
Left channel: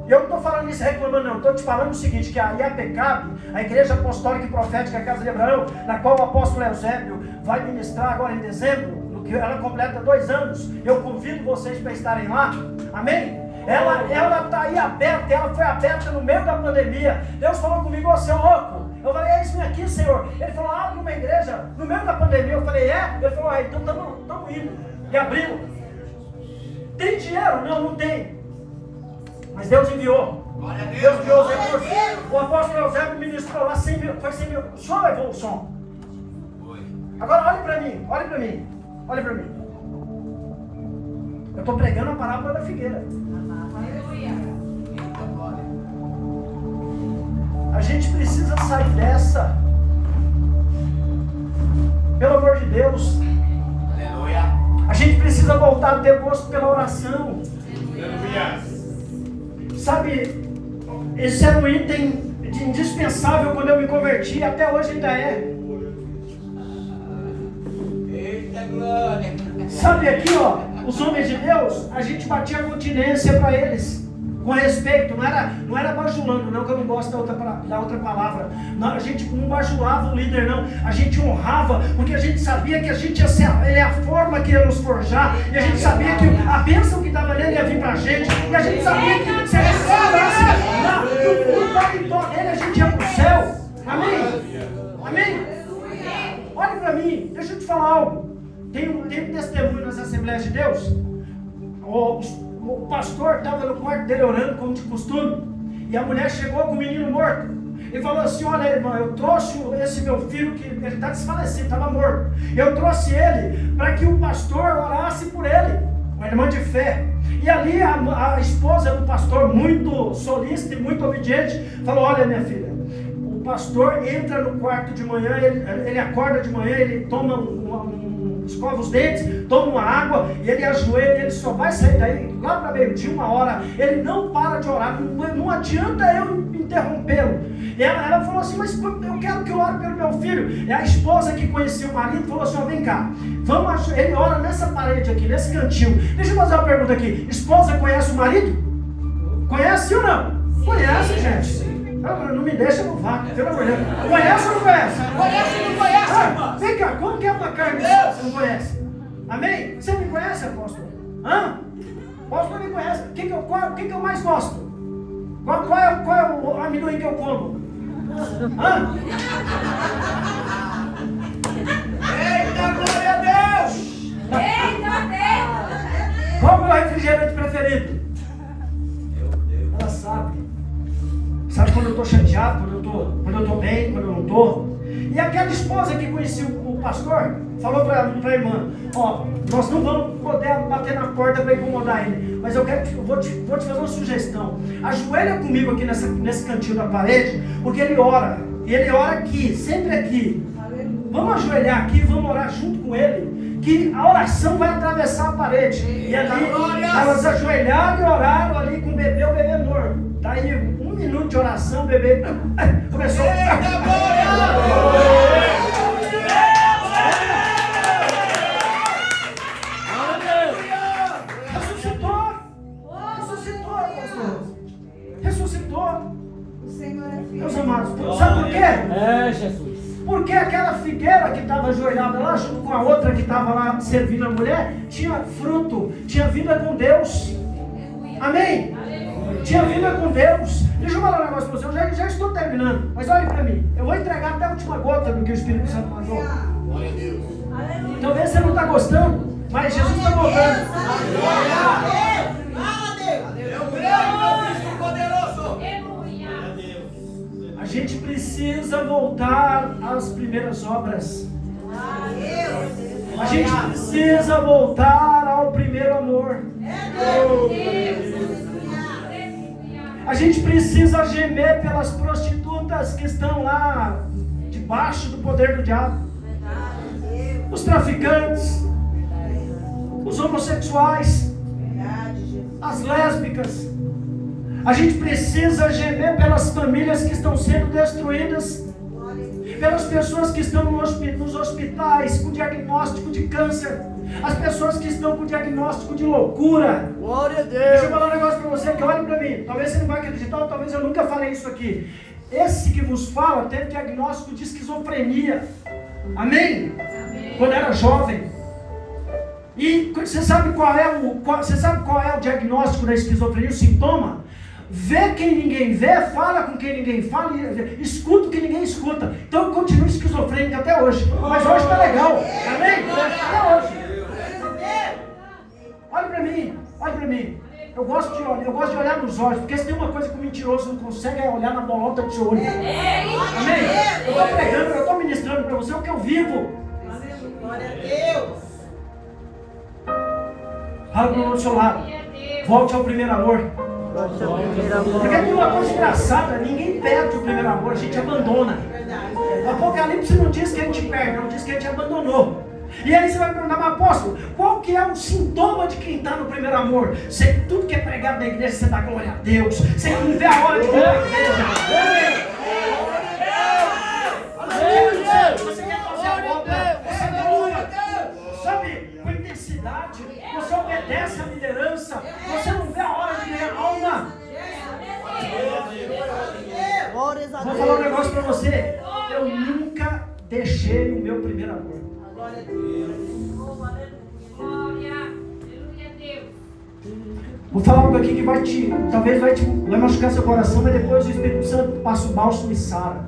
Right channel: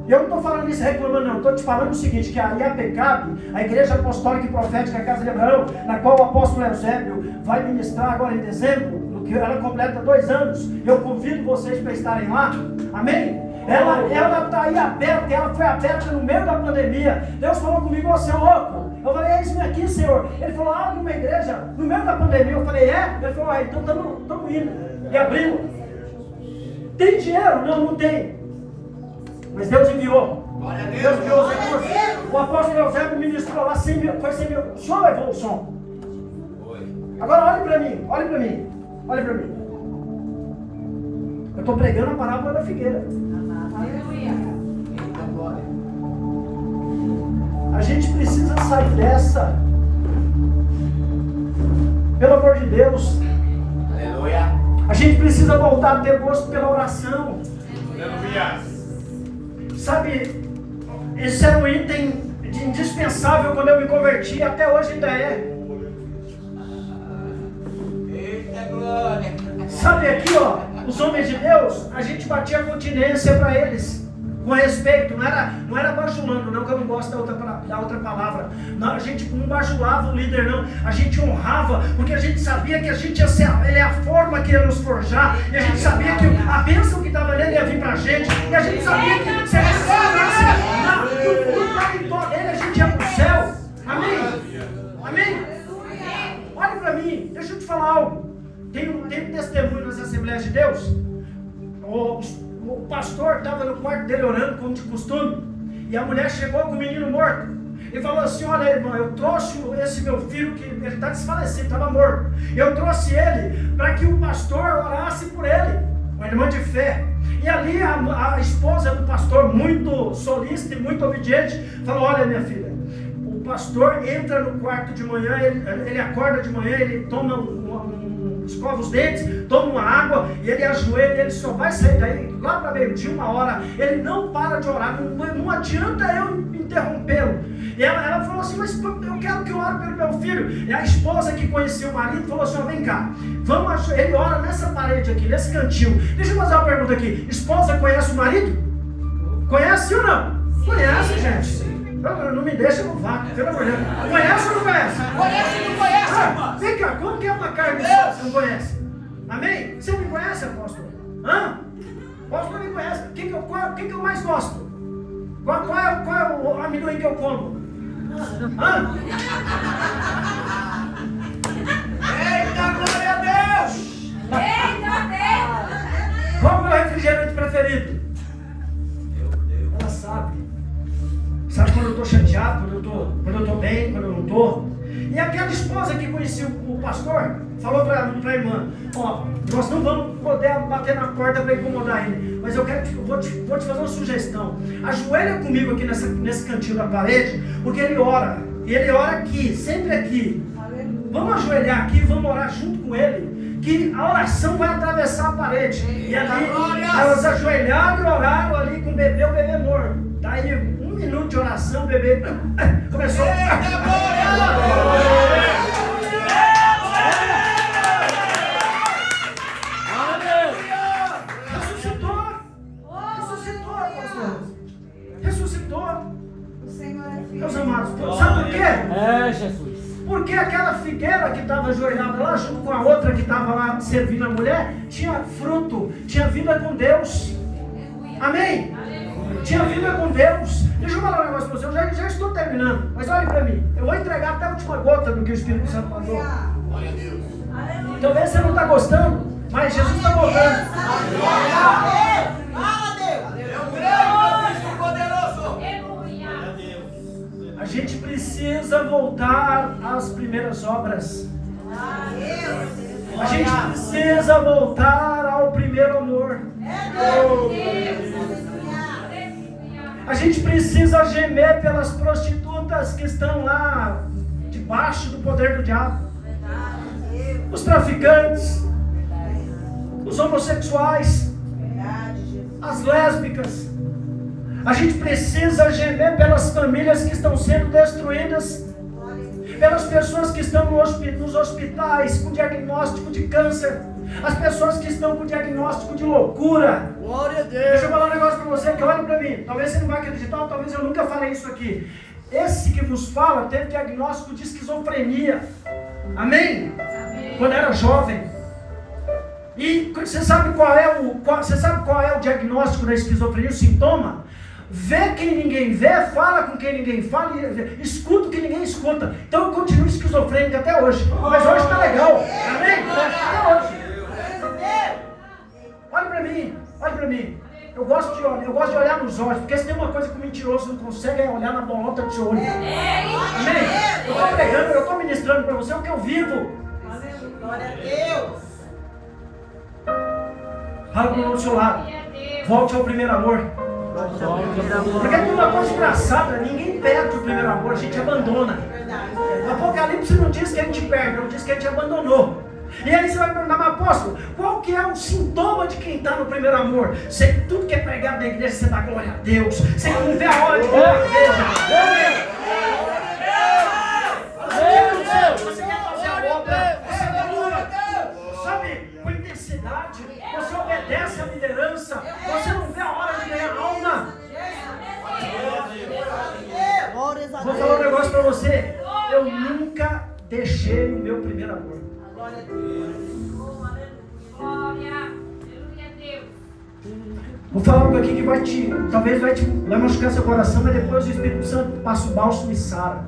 E eu não estou falando isso reclamando, não. Estou te falando o seguinte, que a IAPCAP, a Igreja Apostólica e Profética Casa de Abraão, na qual o apóstolo Eusébio vai ministrar agora em dezembro, no que ela completa 2 anos. Eu convido vocês para estarem lá. Amém? Ela está aí aberta, ela foi aberta no meio da pandemia. Deus falou comigo: ô seu louco. Eu falei: é isso aqui, Senhor. Ele falou: numa igreja, no meio da pandemia. Eu falei: é? Ele falou: então estamos indo. E abrindo. Tem dinheiro? Não tem. Mas Deus enviou. Deus enviou os recursos. O apóstolo Eusébio ministrou lá 100 mil. Foi 100 mil. O senhor levou o som. Agora olhe para mim. Eu estou pregando a parábola da figueira. Aleluia. A gente precisa sair dessa. Pelo amor de Deus. Aleluia. A gente precisa voltar a ter gosto pela oração. Aleluia. Sabe, esse era um item indispensável quando eu me converti, até hoje ainda é. Eita glória. Sabe aqui, ó, os homens de Deus, a gente batia continência para eles, com respeito, não era bajulando, não, que eu não gosto da outra palavra. Não, a gente não bajulava o líder, não. A gente honrava, porque a gente sabia que a gente ia ser ele é a forma que ia nos forjar, e a gente sabia que a bênção que estava nele ia vir para a gente, e a gente sabia que se a gente no fundo da vitória dele, a gente ia para o céu. Amém? Olha para mim, deixa eu te falar algo. Tem um testemunho nas Assembleias de Deus. O pastor estava no quarto dele orando, como de costume, e a mulher chegou com o menino morto e falou assim: olha, irmão, eu trouxe esse meu filho, que ele está desfalecido, estava morto. Eu trouxe ele para que o pastor orasse por ele, uma irmã de fé. E ali a esposa do pastor, muito solícita e muito obediente, falou: olha, minha filha, o pastor entra no quarto de manhã, ele acorda de manhã, ele toma escova os dentes, toma uma água e ele ajoelha, ele só vai sair daí lá para meio-dia, 1h, ele não para de orar, não adianta eu interrompê-lo. E ela falou assim: mas eu quero que eu ore pelo meu filho. E a esposa que conhecia o marido falou assim: vem cá, ele ora nessa parede aqui, nesse cantinho. Deixa eu fazer uma pergunta aqui: esposa conhece o marido? Conhece ou não? Conhece, gente. Não me deixa no vácuo, pelo amor de Deus. Conhece ou não conhece? Conhece ou não conhece? Vem cá, como que é uma carne só, você não conhece? Amém? Você me conhece, apóstolo? Apóstolo me conhece. O que eu mais gosto? Qual é o amendoim que eu como? Hã? Eita, glória a Deus! Qual é o meu refrigerante preferido? Ela sabe. Sabe quando eu estou chateado, quando eu estou bem, quando eu não estou. E aquela esposa que conhecia o pastor, falou para a irmã, ó, nós não vamos poder bater na porta para incomodar ele, mas vou te fazer uma sugestão. Ajoelha comigo aqui nesse cantinho da parede, porque ele ora. E ele ora aqui, sempre aqui. Vamos ajoelhar aqui, vamos orar junto com ele, que a oração vai atravessar a parede. E ali, elas ajoelharam e oraram ali com o bebê morto. Daí, 1 minuto de oração, o bebê começou a... Ressuscitou. Meus amados, sabe por quê? É, Jesus. Porque aquela figueira que estava ajoelhada lá, junto com a outra que estava lá servindo a mulher, tinha fruto, tinha vida com Deus. Amém? Tinha vida com Deus. Deixa eu falar um negócio para você, eu já estou terminando, mas olhe para mim, eu vou entregar até a última gota do que o Espírito Santo mandou. Glória a Deus. Talvez você não está gostando, mas Jesus está voltando. Eu creio no Cristo poderoso. A gente precisa voltar às primeiras obras. A gente precisa voltar ao primeiro amor. A gente precisa gemer pelas prostitutas que estão lá debaixo do poder do diabo. Os traficantes, os homossexuais, as lésbicas. A gente precisa gemer pelas famílias que estão sendo destruídas, pelas pessoas que estão nos hospitais com diagnóstico de câncer, as pessoas que estão com diagnóstico de loucura. Glória a Deus. Deixa eu falar um negócio para você, que olhe para mim. Talvez você não vai acreditar, ou talvez eu nunca falei isso aqui. Esse que vos fala teve diagnóstico de esquizofrenia. Amém? Quando era jovem. E você sabe qual é o diagnóstico da esquizofrenia, o sintoma? Vê quem ninguém vê, fala com quem ninguém fala, escuta o que ninguém escuta. Então eu continuo esquizofrênico até hoje. Mas hoje está legal. Amém? Até hoje. Olha para mim. Eu gosto de olhar nos olhos, porque se tem uma coisa que o mentiroso não consegue é olhar na bolota de olho. Amém? Eu estou pregando, eu estou ministrando para você o que eu vivo. Glória a Deus. Fala para o outro seu lado. Volte ao primeiro amor. Porque tem uma coisa engraçada, ninguém perde o primeiro amor, a gente abandona. O Apocalipse não diz que a gente perde, não diz que a gente abandonou. E aí você vai perguntar, mas apóstolo, qual que é o sintoma de quem está no primeiro amor? Você, tudo que é pregado na igreja, você dá glória a Deus. Você não vê a hora de vir na igreja. Você quer fazer a obra, você glória, sabe, com intensidade, você obedece à liderança, você não vê a hora de ganhar alma. Vou falar um negócio para você, eu nunca deixei o meu primeiro amor. Glória a Deus. Vou falar algo aqui que talvez vai machucar seu coração, mas depois o Espírito Santo passa o bálsamo e sara.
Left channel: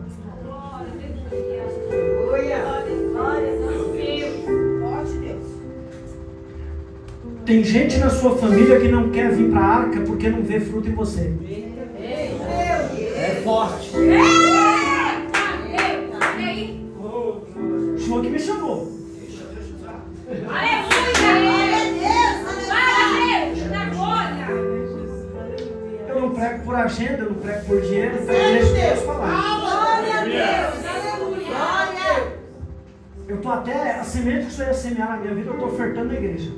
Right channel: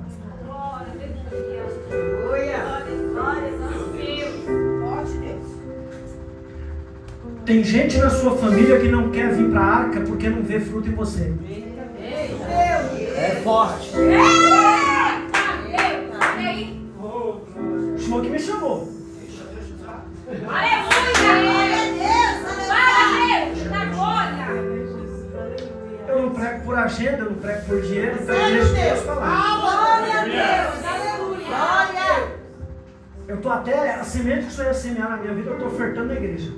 Tem gente na sua família que não quer vir para a arca porque não vê fruto em você. É forte. O Senhor que me chamou. Eu não prego por agenda, eu não prego por dinheiro, então eu deixo Deus falar. Glória a Deus. Aleluia. Eu estou até, a semente que o Senhor ia semear na minha vida, eu estou ofertando na igreja.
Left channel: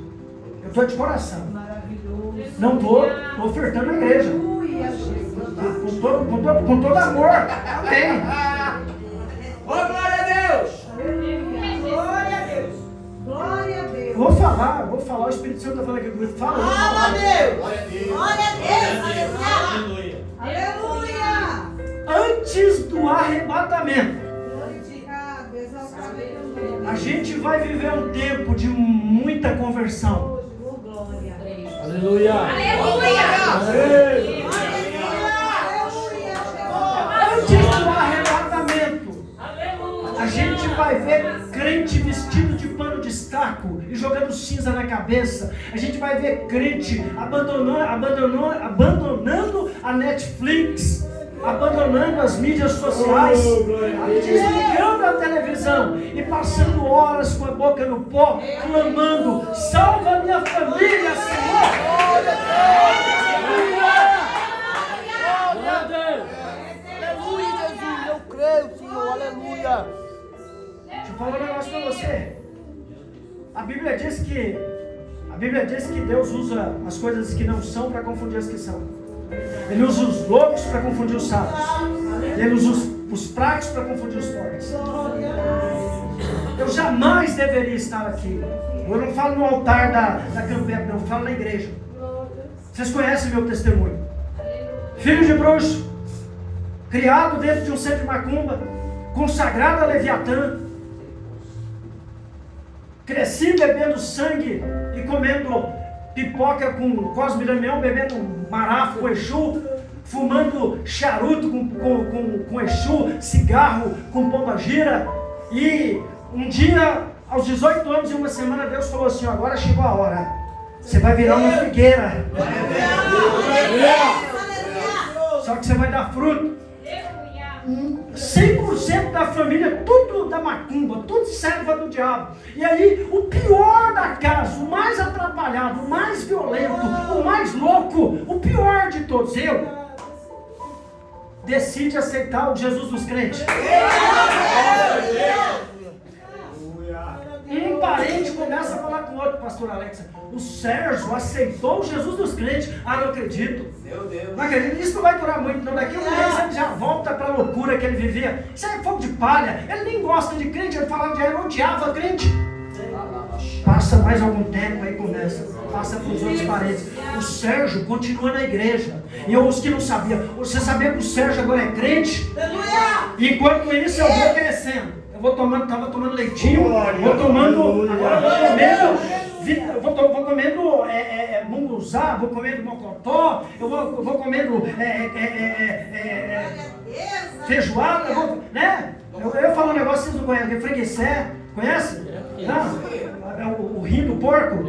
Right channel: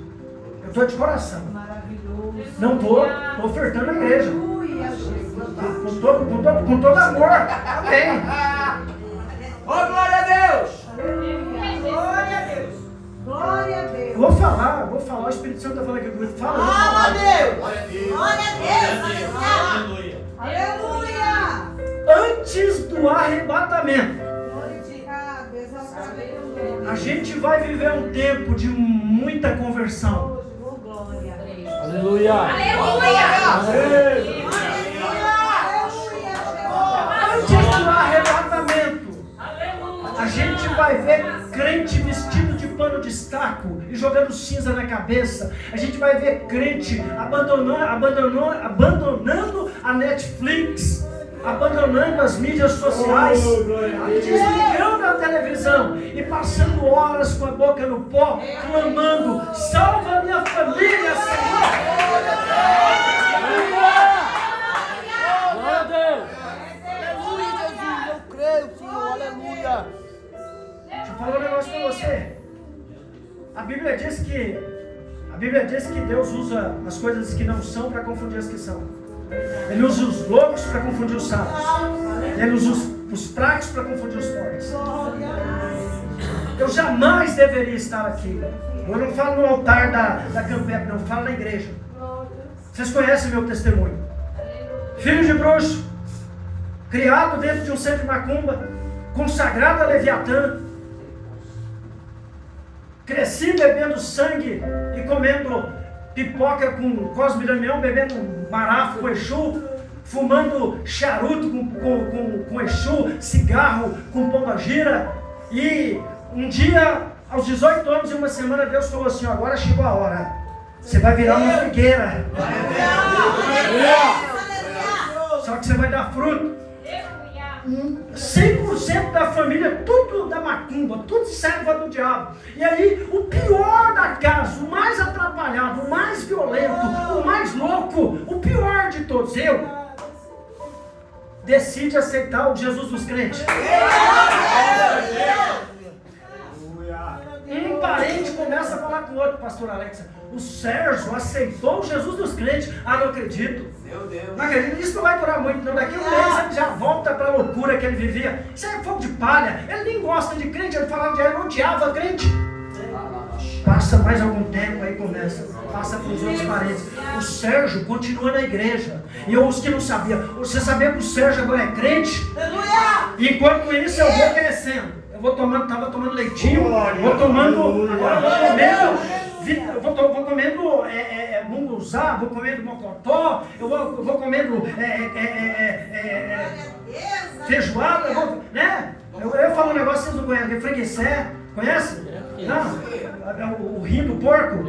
Eu estou de coração. Não estou ofertando na igreja. Com todo amor. Amém. Ô, glória a Deus! Glória a Deus. Glória a Deus. Eu vou falar, o Espírito Santo está falando aqui comigo. Fala, eu vou Glória a falar. Deus. Glória a Deus! Glória a Deus. Aleluia. Antes do arrebatamento, a gente vai viver um tempo de muita conversão. Aleluia. Antes do arrebatamento. vai ver crente vestido de pano de estaco e jogando cinza na cabeça. A gente vai ver crente abandonando a Netflix, abandonando as mídias sociais, desligando a televisão e passando horas com a boca no pó, clamando: salva minha família, Senhor! Aleluia, Jesus, eu creio, Senhor, aleluia. Deixa eu falar um negócio para você. A Bíblia diz que Deus usa as coisas que não são para confundir as que são. Ele usa os loucos para confundir os sábios. Ele usa os fracos para confundir os fortes. Eu jamais deveria estar aqui. Eu não falo no altar da Campep, não, eu falo na igreja. Vocês conhecem meu testemunho. Filho de bruxo, criado dentro de um centro de macumba, consagrado a Leviatã, cresci bebendo sangue e comendo pipoca com Cosme e Damião, bebendo marafo com Exu, fumando charuto com Exu, cigarro com pombagira. E um dia, aos 18 anos e uma semana, Deus falou assim: agora chegou a hora, você vai virar uma figueira, só que você vai dar fruto. 100% da família, tudo da macumba, tudo serva do diabo. E aí, o pior da casa, o mais atrapalhado, o mais violento, o mais louco, o pior de todos, eu, decide aceitar o Jesus dos crentes. Um parente começa a falar com o outro: pastor Alexa, o Sérgio aceitou o Jesus dos crentes. Ah, não acredito. Meu Deus. Não acredito, isso não vai durar muito, não. Daqui a um mês ele já volta para a loucura que ele vivia. Isso é fogo de palha. Ele nem gosta de crente, ele falava de ele odiava crente. Passa mais algum tempo, aí começa. Passa para os outros parentes. O Sérgio continua na igreja. E os que não sabiam, você sabia que o Sérgio agora é crente? E enquanto isso eu vou crescendo. Vou tomando, estava tomando leitinho, vou tomando, agora vou comendo munguzá, vou comendo mocotó, eu vou comendo feijoada, né? Eu falo um negócio que vocês não conhecem, freguessé, conhece? Não? O rim do porco.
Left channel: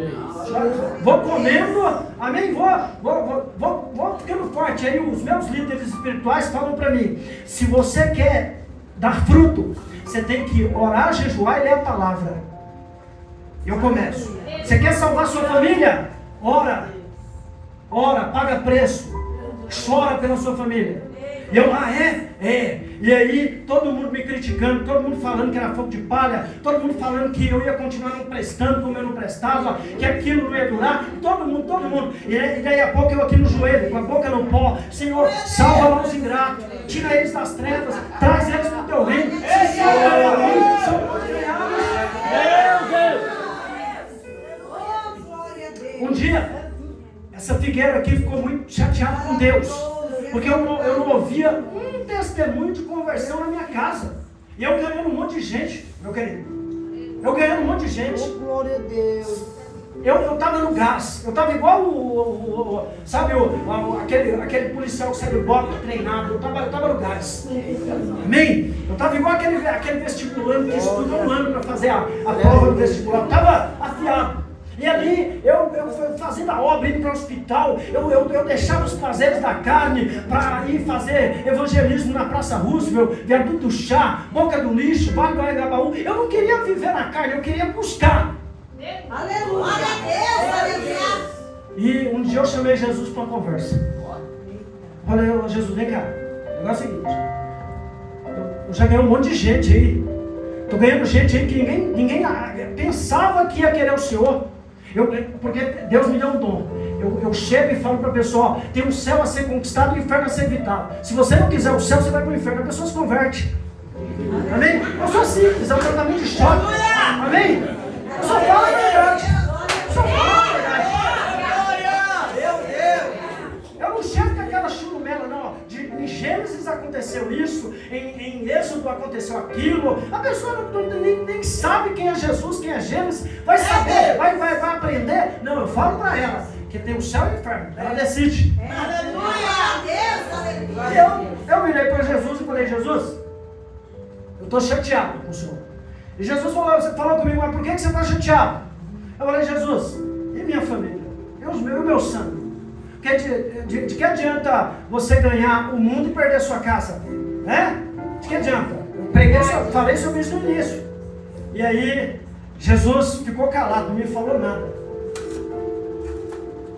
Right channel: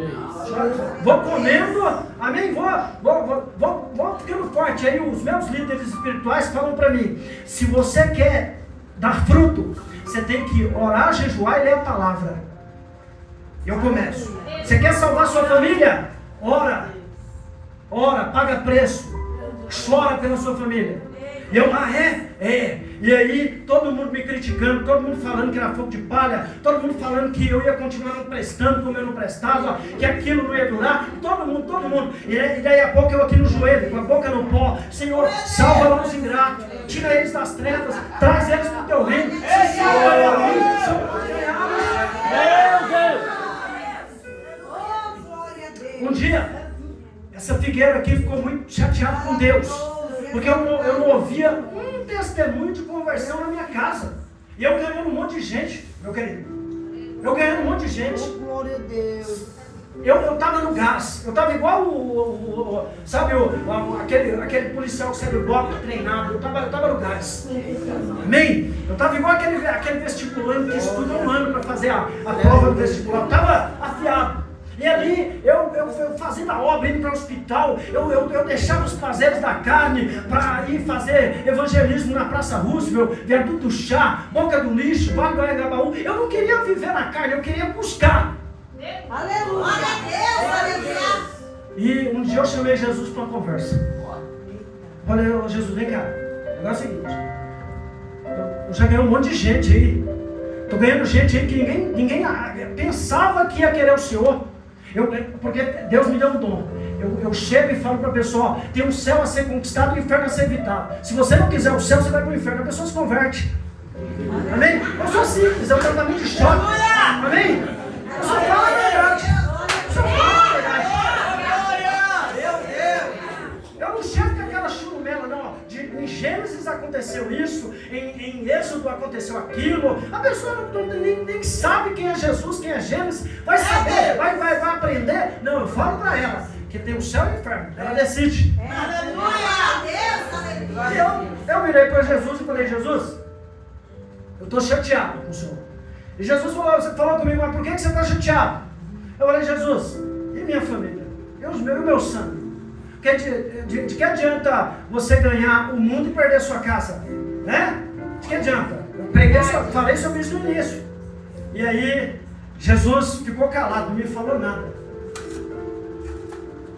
Vou comendo, amém? Vou ficando forte. Aí os meus líderes espirituais falam para mim: se você quer dar fruto, você tem que orar, jejuar e ler a palavra. Eu começo. Você quer salvar sua família? Ora, paga preço, chora pela sua família. E eu, e aí todo mundo me criticando, todo mundo falando que era fogo de palha, todo mundo falando que eu ia continuar não prestando como eu não prestava, que aquilo não ia durar, todo mundo. E daí a pouco eu aqui no joelho, com a boca no pó: Senhor, salva os ingratos, tira eles das trevas, traz eles para o teu reino. Um dia, essa figueira aqui ficou muito chateada com Deus, porque eu não ouvia um testemunho de conversão na minha casa. E eu ganhando um monte de gente, meu querido. Eu ganhando um monte de gente. Oh, glória a Deus. Eu estava no gás. Eu estava igual aquele policial que sai do bloco treinado. Eu estava no gás. Amém? Eu estava igual aquele vestibulando que estuda um ano para fazer a prova do vestibular. Eu estava afiado. E ali, eu fazendo a obra, indo para o hospital, eu deixava os prazeres da carne para ir fazer evangelismo na Praça Roosevelt, Viaduto do Chá, Boca do Lixo, Vale do Anhangabaú. Eu não queria viver na carne, eu queria buscar. Aleluia, Deus. E um dia eu chamei Jesus para uma conversa. Falei: Jesus, vem cá, o negócio é o seguinte, eu já ganhei um monte de gente aí. Estou ganhando gente aí que ninguém pensava que ia querer o Senhor. Porque Deus me deu um dom. Eu chego e falo para a pessoa: tem um céu a ser conquistado e um inferno a ser evitado. Se você não quiser o céu, você vai para o inferno. A pessoa se converte. Amém? Eu sou simples, é um tratamento de choque. Amém? Eu só falo a verdade. Eu não chego com aquela churumela, não. Em Gênesis aconteceu isso, em Êxodo aconteceu aquilo. A pessoa nem sabe quem é Jesus, quem é Gênesis. Vai saber, vai aprender. Não, eu falo para ela que tem o céu e o inferno. Ela decide. Aleluia. Eu virei para Jesus e falei: Jesus, eu estou chateado com o Senhor. E Jesus falou comigo, mas por que você está chateado? Eu falei, Jesus, e minha família? E o meu sangue? De que adianta você ganhar o mundo e perder sua casa? Né? De que adianta? Eu falei sobre isso no início. E aí, Jesus ficou calado, não me falou nada.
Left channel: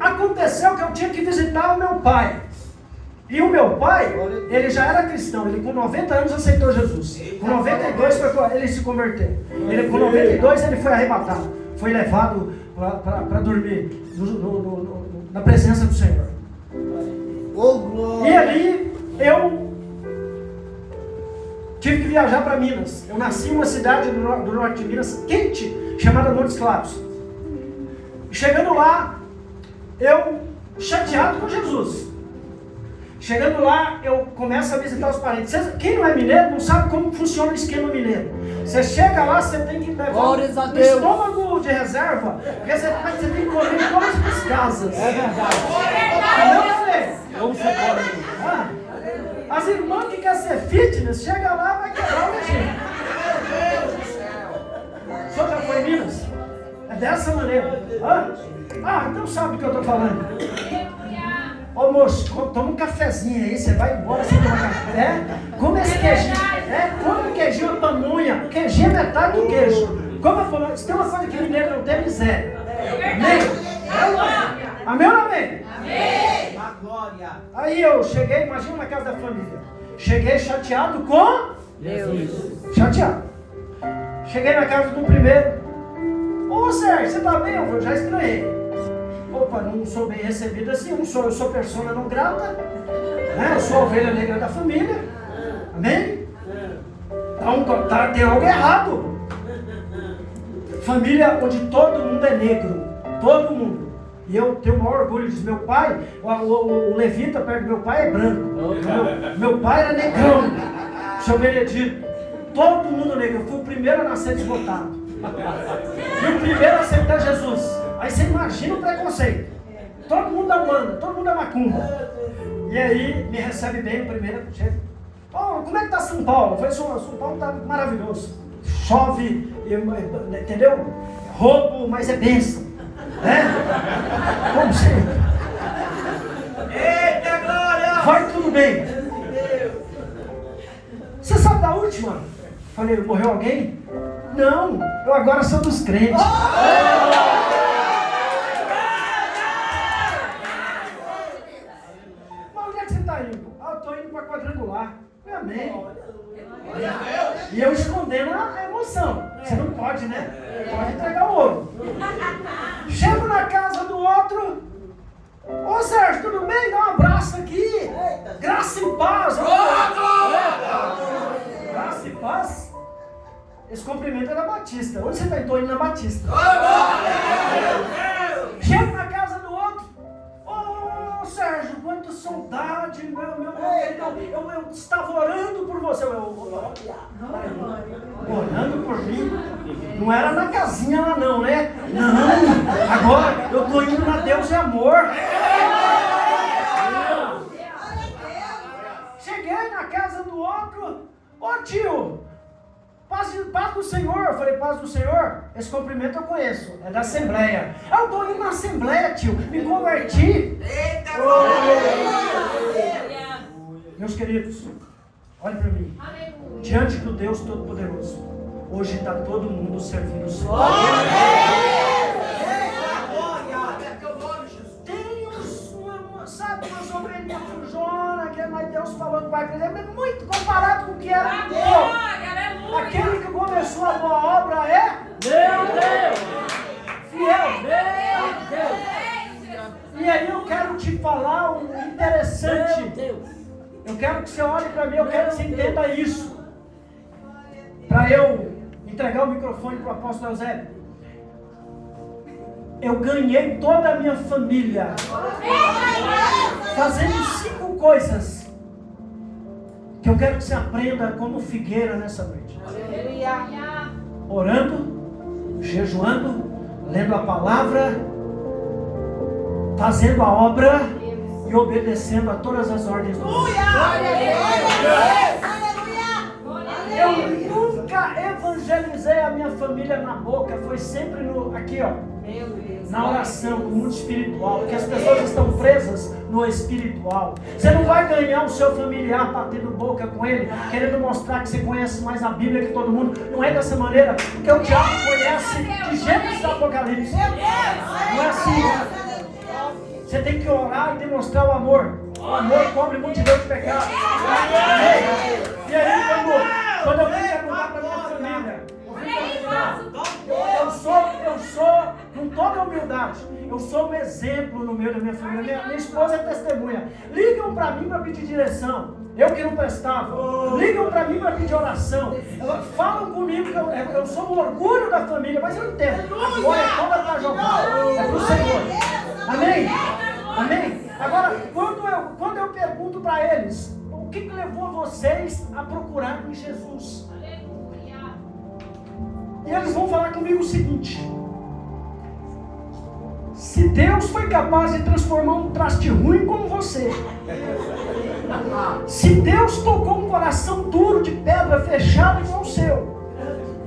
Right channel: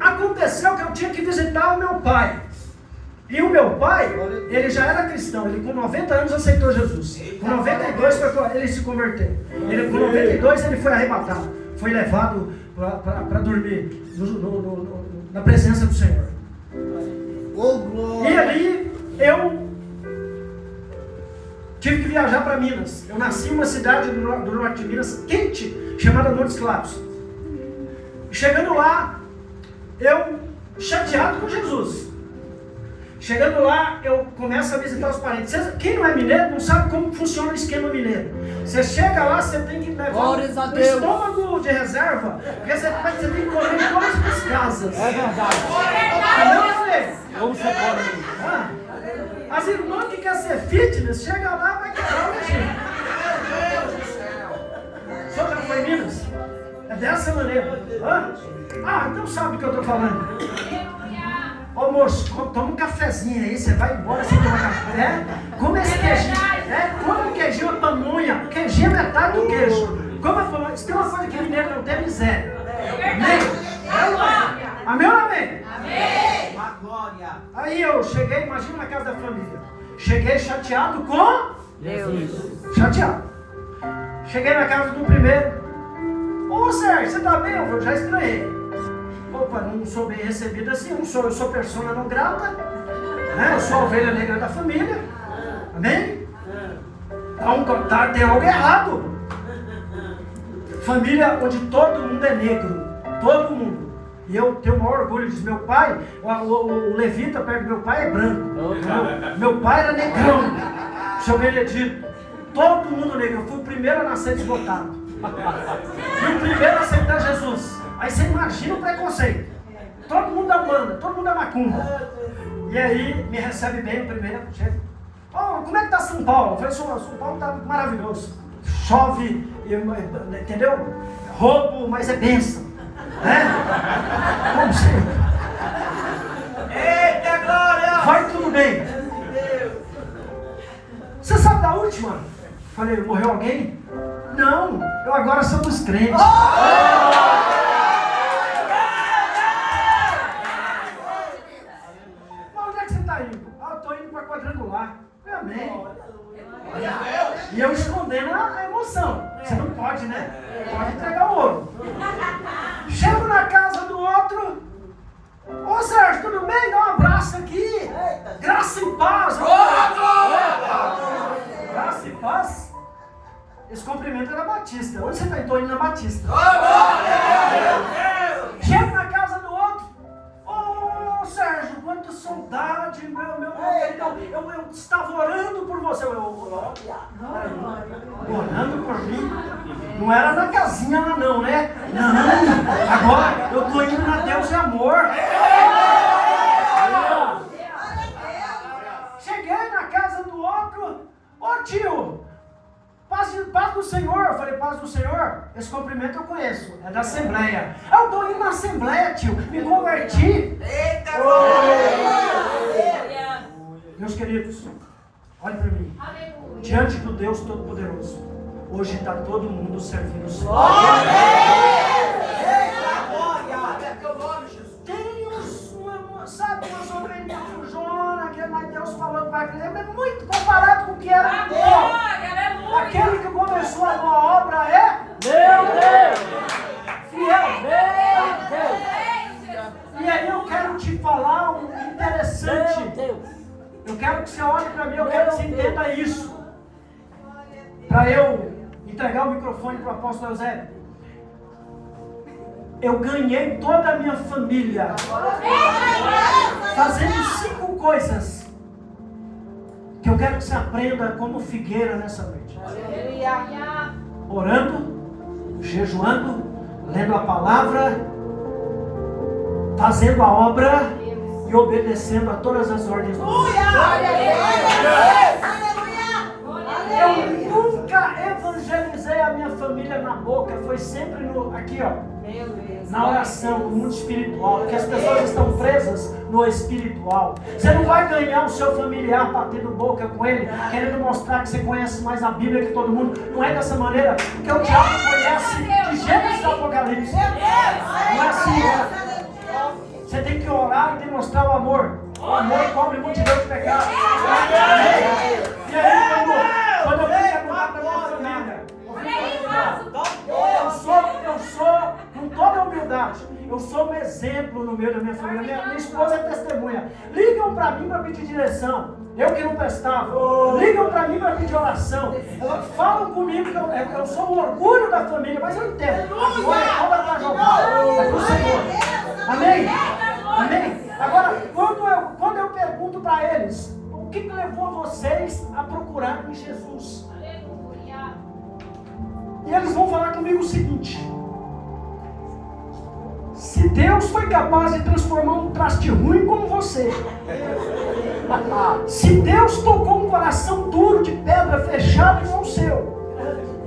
Aconteceu que eu tinha que visitar o meu pai. E o meu pai, ele já era cristão, ele com 90 anos aceitou Jesus. Com 92 ele se converteu. Com 92 ele foi arrebatado, foi levado para dormir na presença do Senhor. E ali eu tive que viajar para Minas. Eu nasci em uma cidade do norte de Minas, quente, chamada Montes Claros. Chegando lá, eu chateado com Jesus. Chegando lá, eu começo a visitar os parentes. Quem não é mineiro não sabe como funciona o esquema mineiro. Você chega lá, você tem que levar um estômago de reserva, porque você tem que comer em todas as casas. É verdade. Como você pode? As irmãs que querem ser fitness, chega lá e vai quebrar o regime. O senhor já foi em Minas? É dessa maneira. Então sabe o que eu estou falando. Ô moço, toma um cafezinho aí, você vai embora, você toma café. Come esse queijinho. Come o queijinho, a pamonha. O queijinho é metade do queijo. Come a pamonha. Se tem uma coisa que mineiro não tem, miséria. Amém? Amém ou não amém? Amém. A glória. Aí eu cheguei, imagina na casa da família. Cheguei chateado com Deus. Chateado. Cheguei na casa do primeiro. Ô Sérgio, você tá bem? Eu já estranhei. Opa, não sou bem recebido assim, eu sou persona não grata, né? Eu sou a ovelha negra da família, amém? Então tem algo errado. Família onde todo mundo é negro, todo mundo. E eu tenho o maior orgulho disso. Meu pai, o levita perto do meu pai é branco. Meu pai era negrão, seu Benedito. Todo mundo negro, eu fui o primeiro a nascer desbotado. Fui o primeiro a aceitar Jesus. Aí você imagina o preconceito. Todo mundo é Umbanda, todo mundo é macumba. E aí me recebe bem o primeiro. Como é que tá São Paulo? Eu falei, São Paulo tá maravilhoso. Chove, entendeu? Roubo, mas é bênção. Né? Como sempre. Eita glória! Vai tudo bem. Você sabe da última? Falei, morreu alguém? Não, eu agora sou dos crentes. Eu estou indo para quadrangular. Amém. E eu escondendo a emoção. Você não pode, né? Pode entregar o ouro. Chego na casa do outro. Ô Sérgio, tudo bem? Dá um abraço aqui. Graça e paz. Graça e paz. Esse cumprimento é da Batista. Onde você está? Estou indo na Batista. Chego na casa do outro. Ô Sérgio, quanta saudade, eu estava orando por você. Orando por mim? Não era na casinha lá não, né? Não, agora eu estou indo na Deus de amor. Cheguei na casa do outro. Ô tio, paz do Senhor. Eu falei, paz do Senhor? Esse cumprimento eu conheço, é da Assembleia. Eu estou indo na Assembleia, tio, me converti. Eita Meus queridos, olhem para mim. Diante do Deus Todo-Poderoso, hoje está todo mundo servindo o Senhor. Tem sabe, umas ovelhinhas do Jona, que é mais Deus falando para ele, é muito comparado com o que era Deus. Aquele que começou a boa obra é Meu Deus! fiel. Meu Deus! E aí eu quero te falar um interessante. Meu Deus! Eu quero que você olhe para mim, eu quero que você entenda isso. Para eu entregar o microfone para o apóstolo Eusébio. Eu ganhei toda a minha família fazendo 5 coisas que eu quero que você aprenda como figueira nessa noite. Orando, jejuando, lendo a palavra, fazendo a obra e obedecendo a todas as ordens do Senhor. Eu nunca evangelizei a minha família na boca foi sempre aqui, ó, na oração, no mundo espiritual, porque as pessoas estão presas no espiritual. Você não vai ganhar o seu familiar batendo boca com ele, querendo mostrar que você conhece mais a Bíblia que todo mundo. Não é dessa maneira, porque o diabo conhece de Gênesis a Apocalipse. Não é assim, Você tem que orar e demonstrar o amor. O amor cobre multidão de pecados. E aí, quando eu venho com a família, eu sou, com toda a humildade, eu sou um exemplo no meio da minha família. Minha esposa é testemunha. Ligam para mim para pedir direção. Eu que não prestava. Ligam para mim para pedir oração. Falam comigo que eu sou o orgulho da família, mas eu entendo. Agora está jogado. É do Senhor. Amém? Amém? Agora, quando eu pergunto para eles, o que levou vocês a procurarem Jesus? E eles vão falar comigo o seguinte: se Deus foi capaz de transformar um traste ruim como você, se Deus tocou um coração duro de pedra fechado como o seu,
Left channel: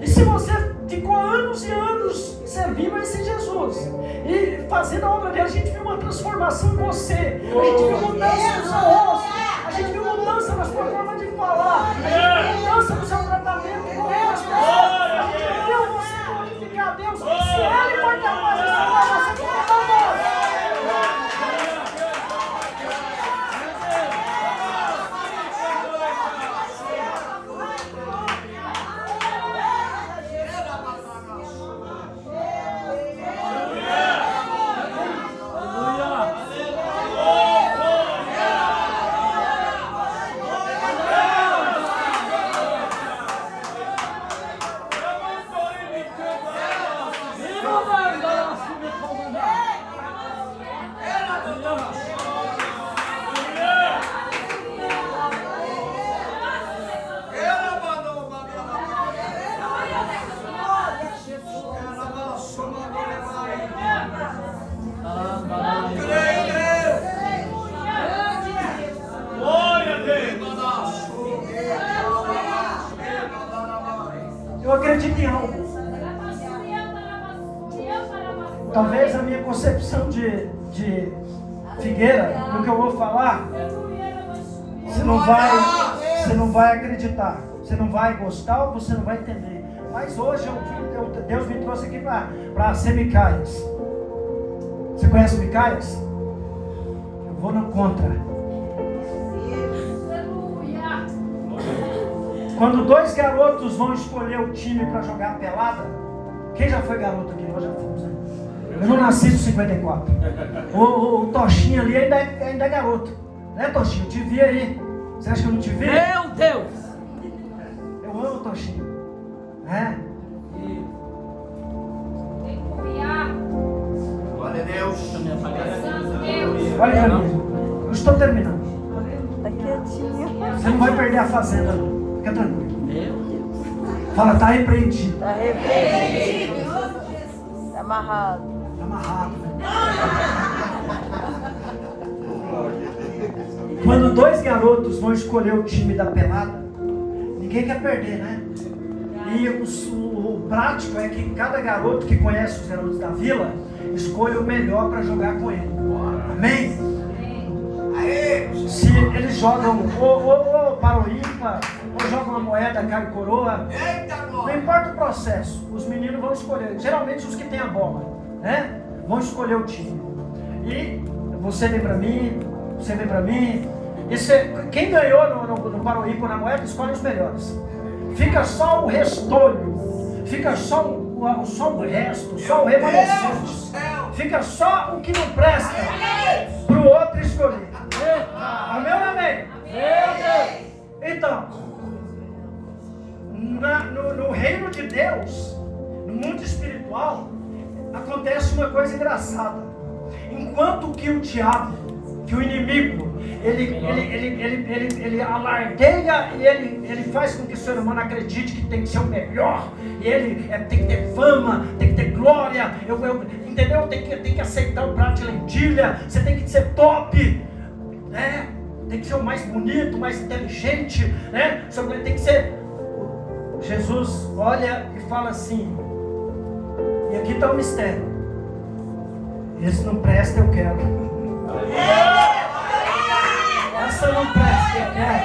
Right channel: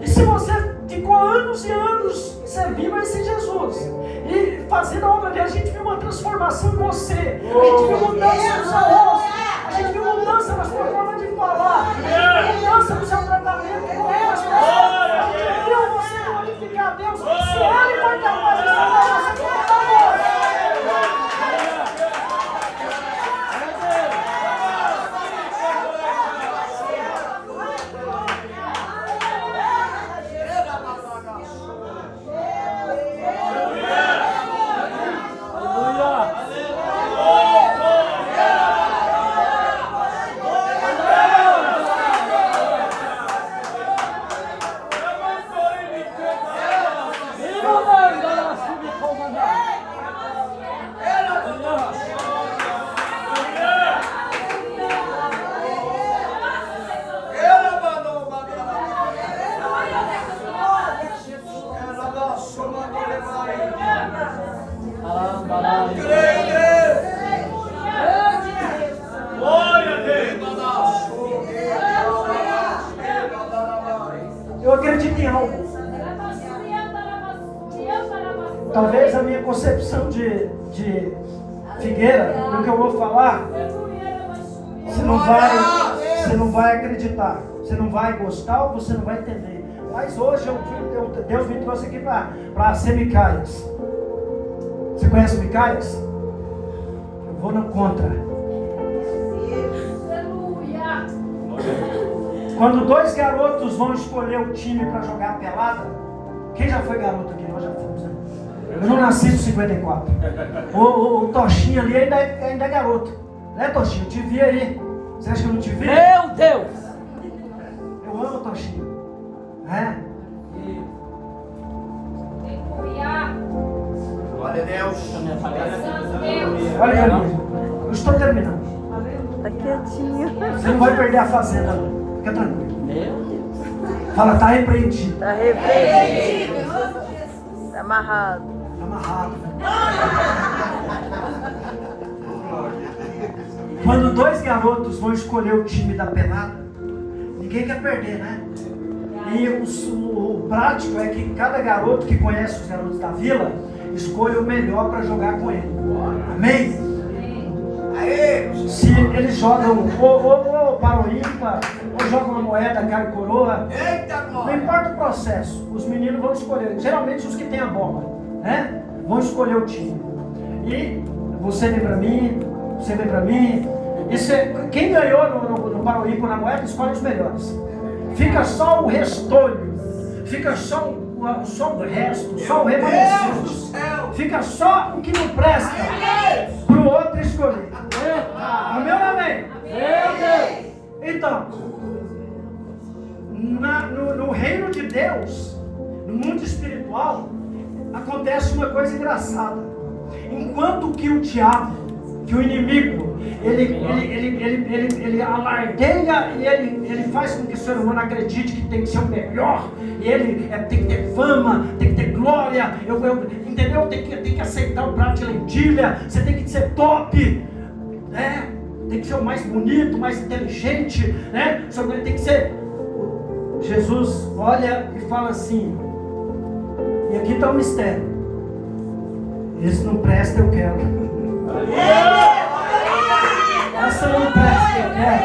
e se você ficou anos e anos servindo a esse Jesus e fazendo a obra dele, a gente viu uma transformação em você, a gente viu mudança no seu rosto, a gente viu mudança na sua forma de falar, a gente viu mudança no seu tratamento com as pessoas, a gente viu você glorificar a Deus. Se ele foi capaz de falar, você pode falar. Eu acredito em algo. Talvez a minha concepção de Figueira, do que eu vou falar, você não vai acreditar, você não vai gostar ou você não vai entender. Mas hoje Deus me trouxe aqui para ser Micaías. Você conhece Micaías? Eu vou no contra. Quando dois garotos vão escolher o time para jogar pelada, quem já foi garoto aqui? Nós já fomos, né? Eu não nasci com 54. O Toshinho ali ainda é garoto. Né, Toshinho? Eu te vi aí. Você acha que eu não te vi? Meu Deus! Eu amo o Toshinho. Né? Glória a Deus. Olha aí, eu estou terminando. Você não vai perder a fazenda, não. Fica tranquilo. Meu Deus! Fala, está repreendido. Tá repreendido. Amarrado. Amarrado. Quando dois garotos vão escolher o time da pelada, ninguém quer perder, né? E o prático é que cada garoto que conhece os garotos da vila escolhe o melhor para jogar com ele. Amém? Aê! Se eles jogam ou para o ímpar, ou jogam uma moeda, cara e coroa, não importa o processo, os meninos vão escolher. Geralmente os que têm a bola, né? Vão escolher o time. E você vem para mim, você vem para mim. Quem ganhou no Paroímpo na moeda escolhe os melhores. Fica só o restolho, fica só o resto, só o remanescente. Fica só o que não presta para o outro escolher. Amém ou amém? Meu Deus! Então, no reino de Deus, no mundo espiritual, acontece uma coisa engraçada. Enquanto que o diabo, que o inimigo, ele alardeia e ele faz com que o ser humano acredite que tem que ser o melhor, e ele tem que ter fama, tem que ter glória, entendeu? Tem que aceitar o prato de lentilha, você tem que ser top, né? Tem que ser o mais bonito, mais inteligente, né? Você tem que ser. Jesus olha e fala assim: E aqui está um mistério. Esse não presta, eu quero. Essa não presta, eu quero.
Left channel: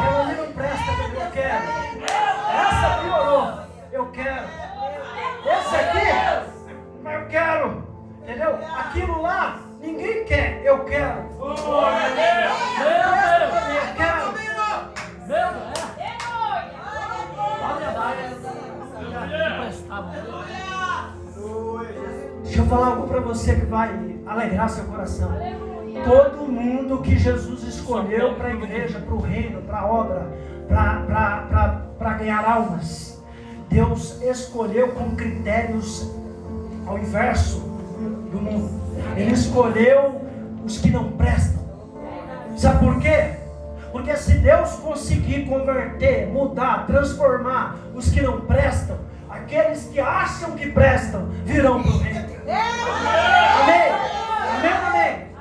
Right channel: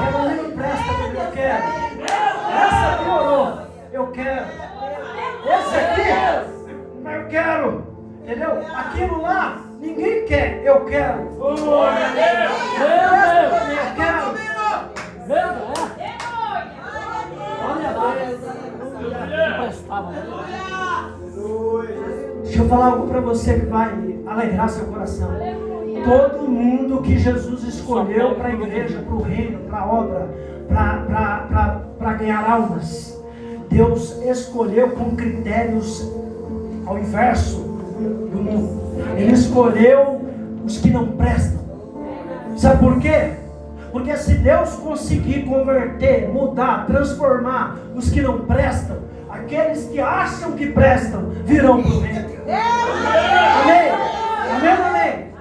Aquela ali não presta, eu quero. Essa piorou, eu quero. Esse aqui, eu quero. Entendeu? Aquilo lá, ninguém quer, eu quero. Meu Deus. Eu quero. Meu Deus. Olha lá. Não prestava. Deixa eu falar algo para você que vai alegrar seu coração. Todo mundo que Jesus escolheu para a igreja, para o reino, para a obra, para ganhar almas, Deus escolheu com critérios ao inverso do mundo. Ele escolheu os que não prestam. Sabe por quê? Porque se Deus conseguir converter, mudar, transformar os que não prestam, aqueles que acham que prestam virão para o reino. Amém? Amém, amém?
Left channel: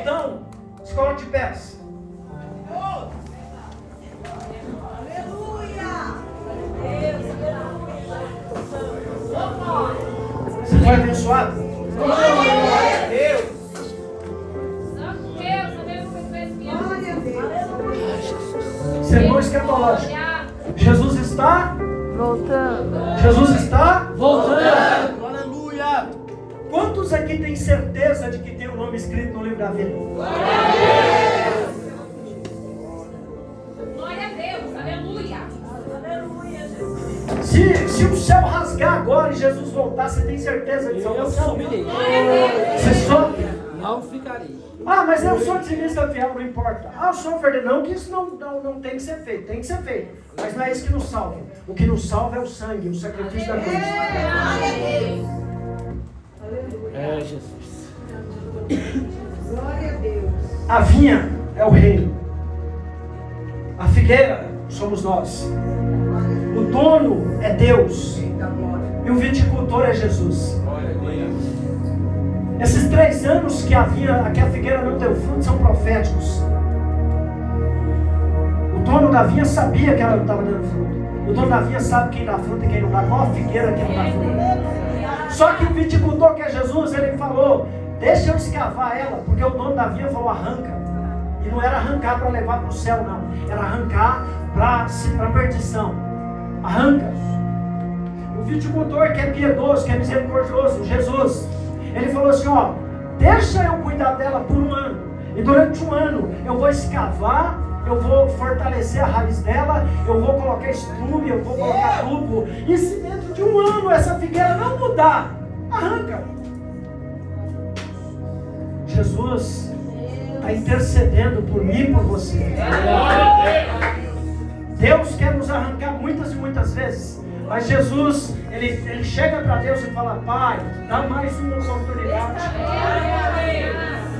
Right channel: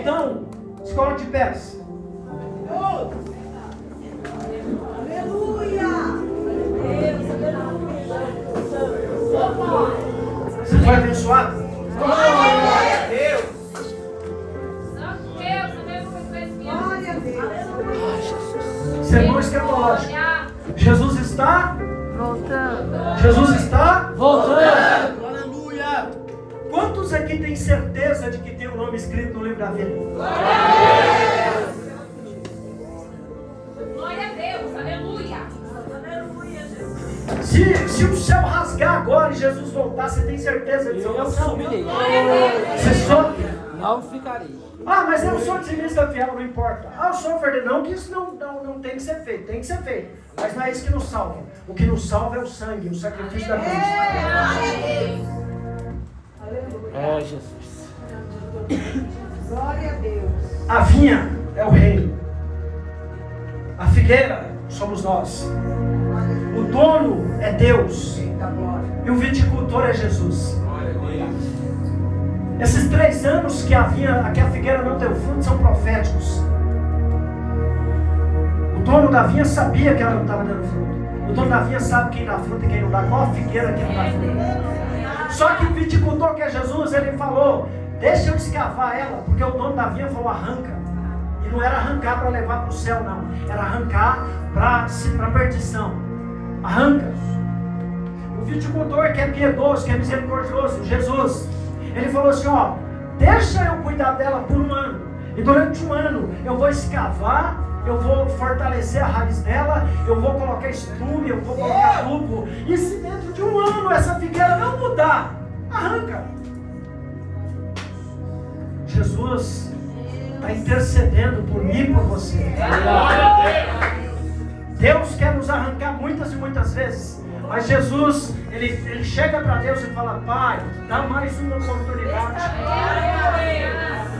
Então, escola de pés. Você foi abençoado? Glória a Deus. Sermão escatológico. Jesus está Voltando. Jesus está Voltando. Aleluia. Quantos aqui têm certeza de que tem o nome escrito no livro da vida? Glória a Deus, aleluia. Se o céu rasgar agora e Jesus voltar, você tem certeza disso? Eu subirei. Você sobe? Não ficarei. Ah, mas eu sou dizimista fiel, não importa. Ah, eu sou um verdadeiro. Não que isso não tem que ser feito, tem que ser feito. Mas não é isso que nos salva. O que nos salva é o sangue, o sacrifício da cruz. É, Jesus. Glória a Deus. A vinha é o reino. A figueira somos nós. O dono é Deus. E o viticultor é Jesus. Esses 3 anos que a figueira não deu fruto são proféticos. O dono da vinha sabia que ela não estava dando fruto. O dono da vinha sabe quem dá fruto e quem não dá. Qual a figueira que não dá fruto? Só que o viticultor, que é Jesus, ele falou: deixa eu escavar ela, porque o dono da vinha falou: arranca. E não era arrancar para levar para o céu, não. Era arrancar para a perdição. Arranca. O viticultor, que é piedoso, que é misericordioso, Jesus, ele falou assim: ó, deixa eu cuidar dela por 1 ano. E durante 1 ano eu vou escavar, eu vou fortalecer a raiz dela, eu vou colocar estrume, eu vou colocar tubo. E se dentro de 1 ano essa figueira não mudar, arranca. Jesus está intercedendo por mim e por você. Deus quer nos arrancar muitas e muitas vezes. Mas Jesus, ele chega para Deus e fala: Pai, dá mais uma oportunidade.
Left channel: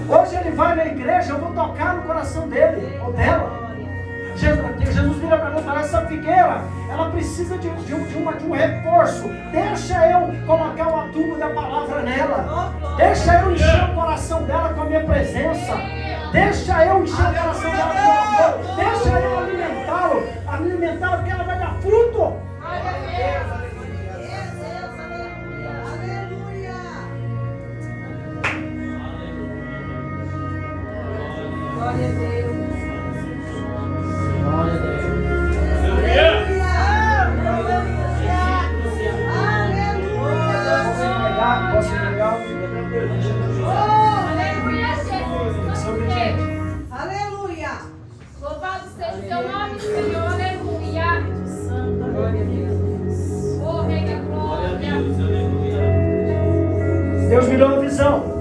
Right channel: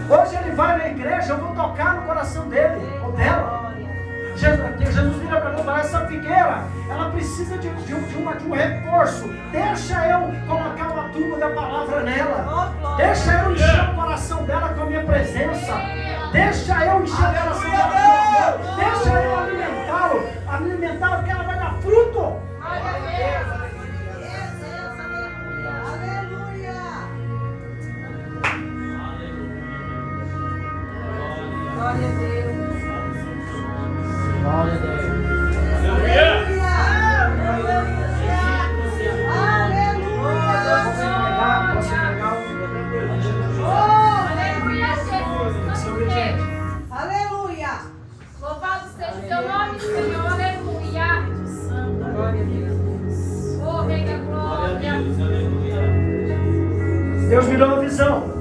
Hoje ele vai na igreja, eu vou tocar no coração dele ou dela. Jesus vira para mim e fala: essa figueira, ela precisa de um reforço. Deixa eu colocar o adubo da palavra nela. Deixa eu encher o coração dela com a minha presença. Deixa eu encher o coração dela com o amor. Deixa eu alimentá-la, porque ela vai dar fruto. Glória a Deus. Glória a Deus. Posso entregar? Aleluia. Louvado seja o teu nome, Senhor. Aleluia. Glória a Deus. Oh, Rei da Glória. Deus me deu uma visão.